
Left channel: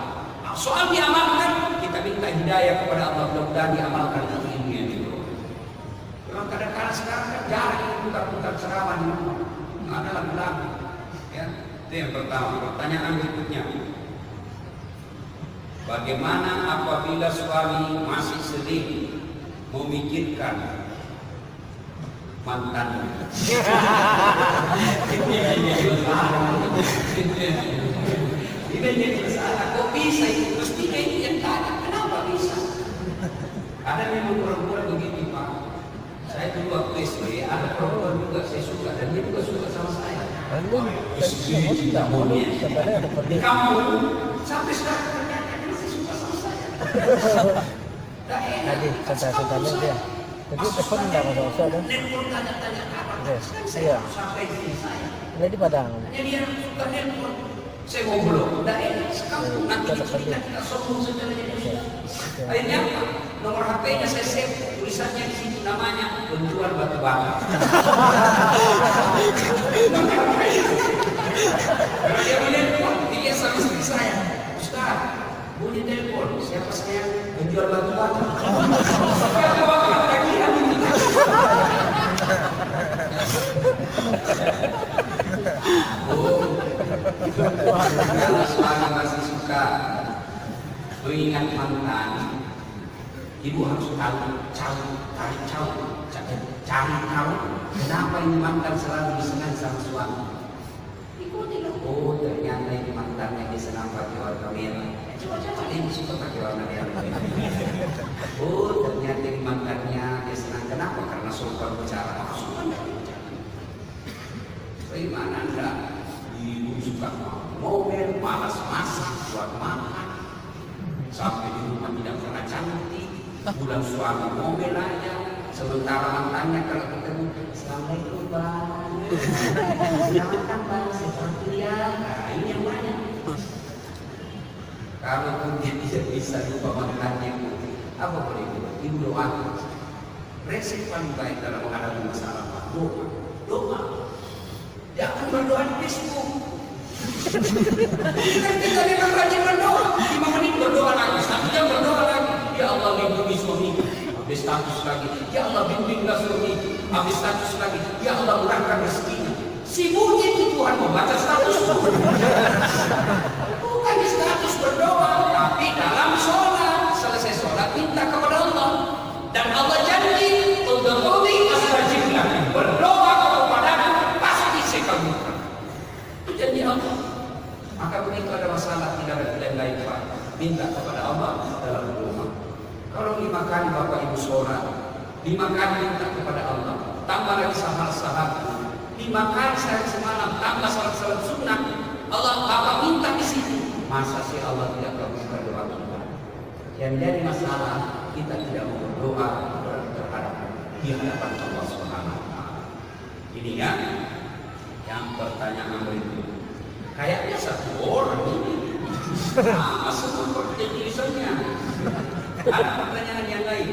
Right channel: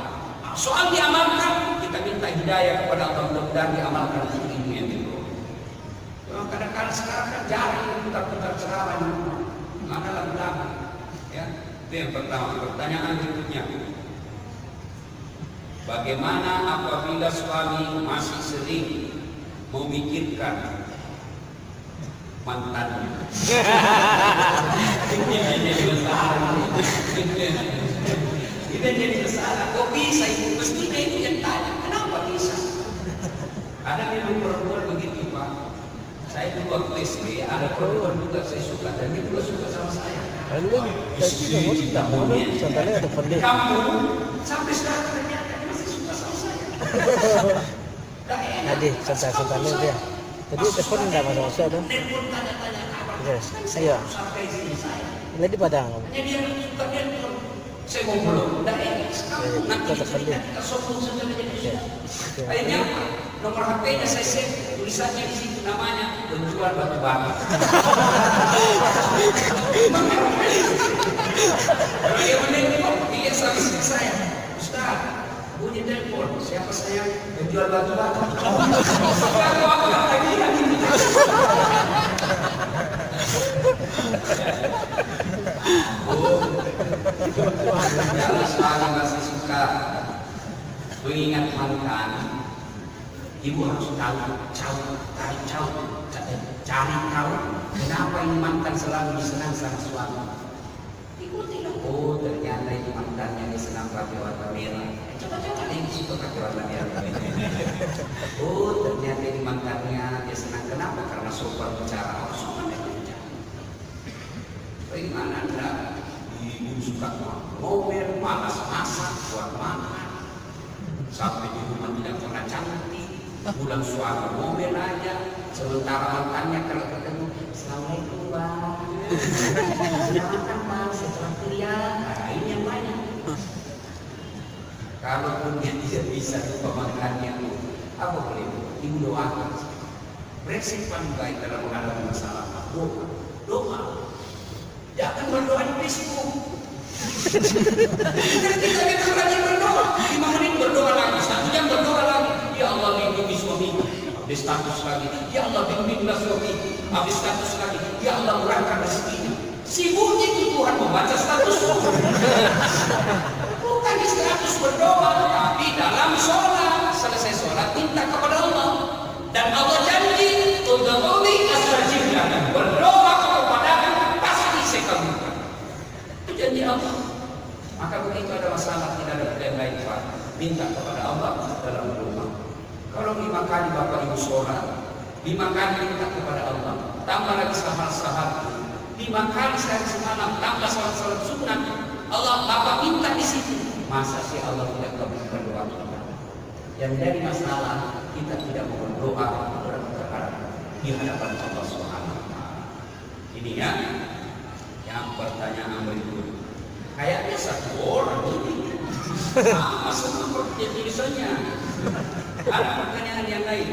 Soal diamalkan, kita minta hidayah kepada Allah, mudah-mudahan diamalkan ini ya dulu. Memang kadang-kadang sekarang kan jarang putar-putar ceramah, ada yang belakang. Ya, itu yang pertama. Pertanyaan berikutnya, bagaimana apabila suami masih sering memikirkan mantannya? Kita jadi masalah, kok bisa itu? Mestinya itu yang tanya, kenapa bisa? Ada memang perempuan begitu Pak. Saya dulu waktu SD, ada perempuan juga saya suka dan dia juga suka sama saya. Istri tidak mau dia. Kamu sampai sekarang masih suka sama saya. Tadi saya dia. Tapi telepon kamu saya dong. Telepon tanya-tanya kapan? Iya. Sampai istri saya. Jadi padang. Hanya dia suka telepon. Saya ngobrol, udah enak sekarang. Nanti kita sombong sebenarnya. Akhirnya nomor HP-nya saya save, tulisannya di situ namanya penjual batu bara. Dia telepon, dia sama istri saya. Ustaz, bunyi telepon, siapa saya? Penjual batu bara. Kalau sekali masih suka mengingat mantan, ibu harus cari tahu kenapa ini mantan selalu disenang sama suami. Ikuti lah. Oh ternyata ini mantannya dia senang pakai warna merah. Coba ini suka pakai warna merah. Oh ternyata ini mantannya dia senang kenapa? Karena sopan bicara. Sopan bicara. Bagaimana anda? Ibu suka mobil, malas masak, buat makan. Sampai di rumah tidak pernah cantik. Pulang suami mobil aja. Sementara mantannya kalau ketemu, Assalamualaikum Bang. Selamat datang, setelah kuliah. Nah, ini yang banyak. Kalau pun dia tidak bisa lupa mantannya, apa boleh? Ibu doakan. Resep paling baik dalam menghadapi masalah. Doa. Jangan berdoa di bisiku. Kita tidak rajin berdoa. 5 menit berdoa lagi, 1 jam berdoa lagi. Ya Allah bimbing suamiku. Habis status lagi. Ya Allah bimbinglah suamiku. Habis status lagi. Ya Allah murahkan rezekinya. Sibuknya di Tuhan membaca status. Bukan di status berdoa, tapi dalam sholat. Selesai sholat minta kepada Allah. Dan Allah janji untuk memberi astajiblah. Berdoa kepadaku pasti saya kabulkan. Janji Allah. Maka begitu ada masalah tidak yang lain Pak, minta kepada Allah dalam rumah. Kalau 5 kali Bapak Ibu sholat, 5 kali minta kepada Allah, tambah lagi salat 5 kali sehari semalam, tambah salat sunnah, Allah Bapak minta di situ. Masa sih Allah tidak berdoa? Yang jadi masalah kita tidak mau berdoa dan berharap di hadapan Allah Subhanahu wa Ta'ala. Ini ya, yang pertanyaan berikut. Kayaknya 1 orang sama seperti tulisannya. Ada pertanyaan yang lain?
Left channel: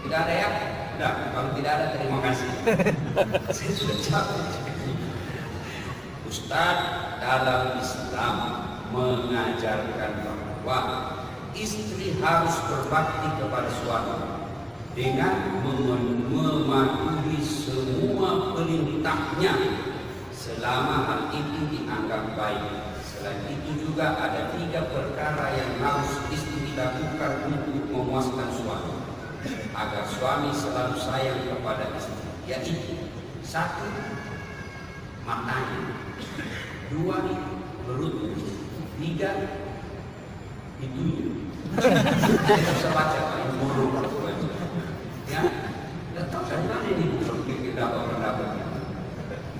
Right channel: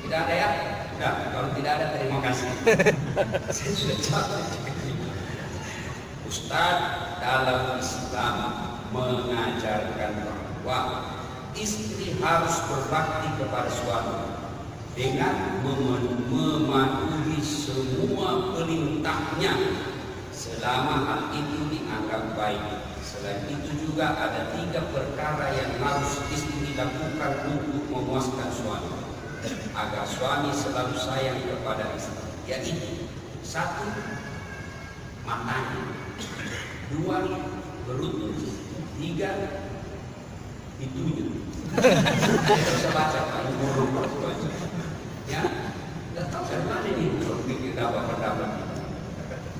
Tidak ada ya? Tidak. Kalau tidak ada terima kasih. Saya sudah capek. Ustaz dalam Islam mengajarkan bahwa istri harus berbakti kepada suami dengan mematuhi semua perintahnya selama hal itu dianggap baik. Selain itu juga ada 3 perkara yang harus istri lakukan untuk memuaskan suami agar suami selalu sayang kepada istri, yaitu 1. Matanya, 2. Perut, 3. Hidungnya. Semacam burung perempuan. Ya, dan tahu dari mana ini burung pikir dapat berkabar.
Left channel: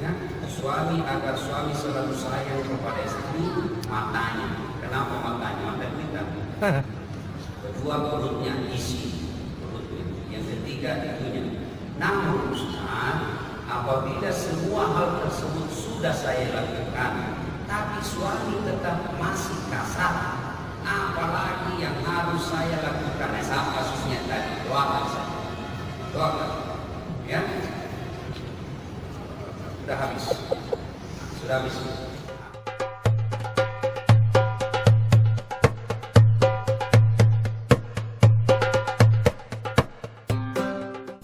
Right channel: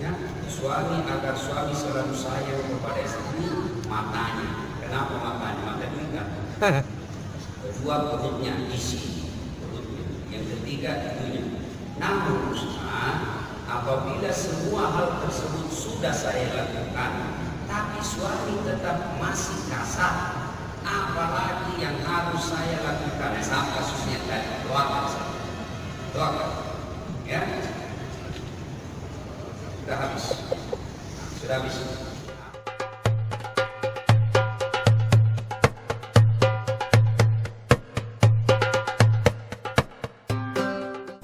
Ya, suami agar suami selalu sayang kepada istri, matanya. Kenapa matanya? Mata duit. Kedua perutnya isi perutnya. Yang ketiga itunya. Namun Ustaz, apabila semua hal tersebut sudah saya lakukan, tapi suami tetap masih kasar, apalagi yang harus saya lakukan? Sama kasusnya tadi, doakan saja. Doakan. Ya. Sudah habis. Sudah habis.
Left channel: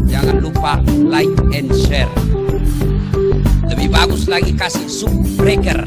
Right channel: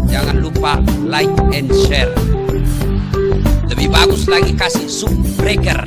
Jangan lupa like and share. Lebih bagus lagi kasih subbreaker.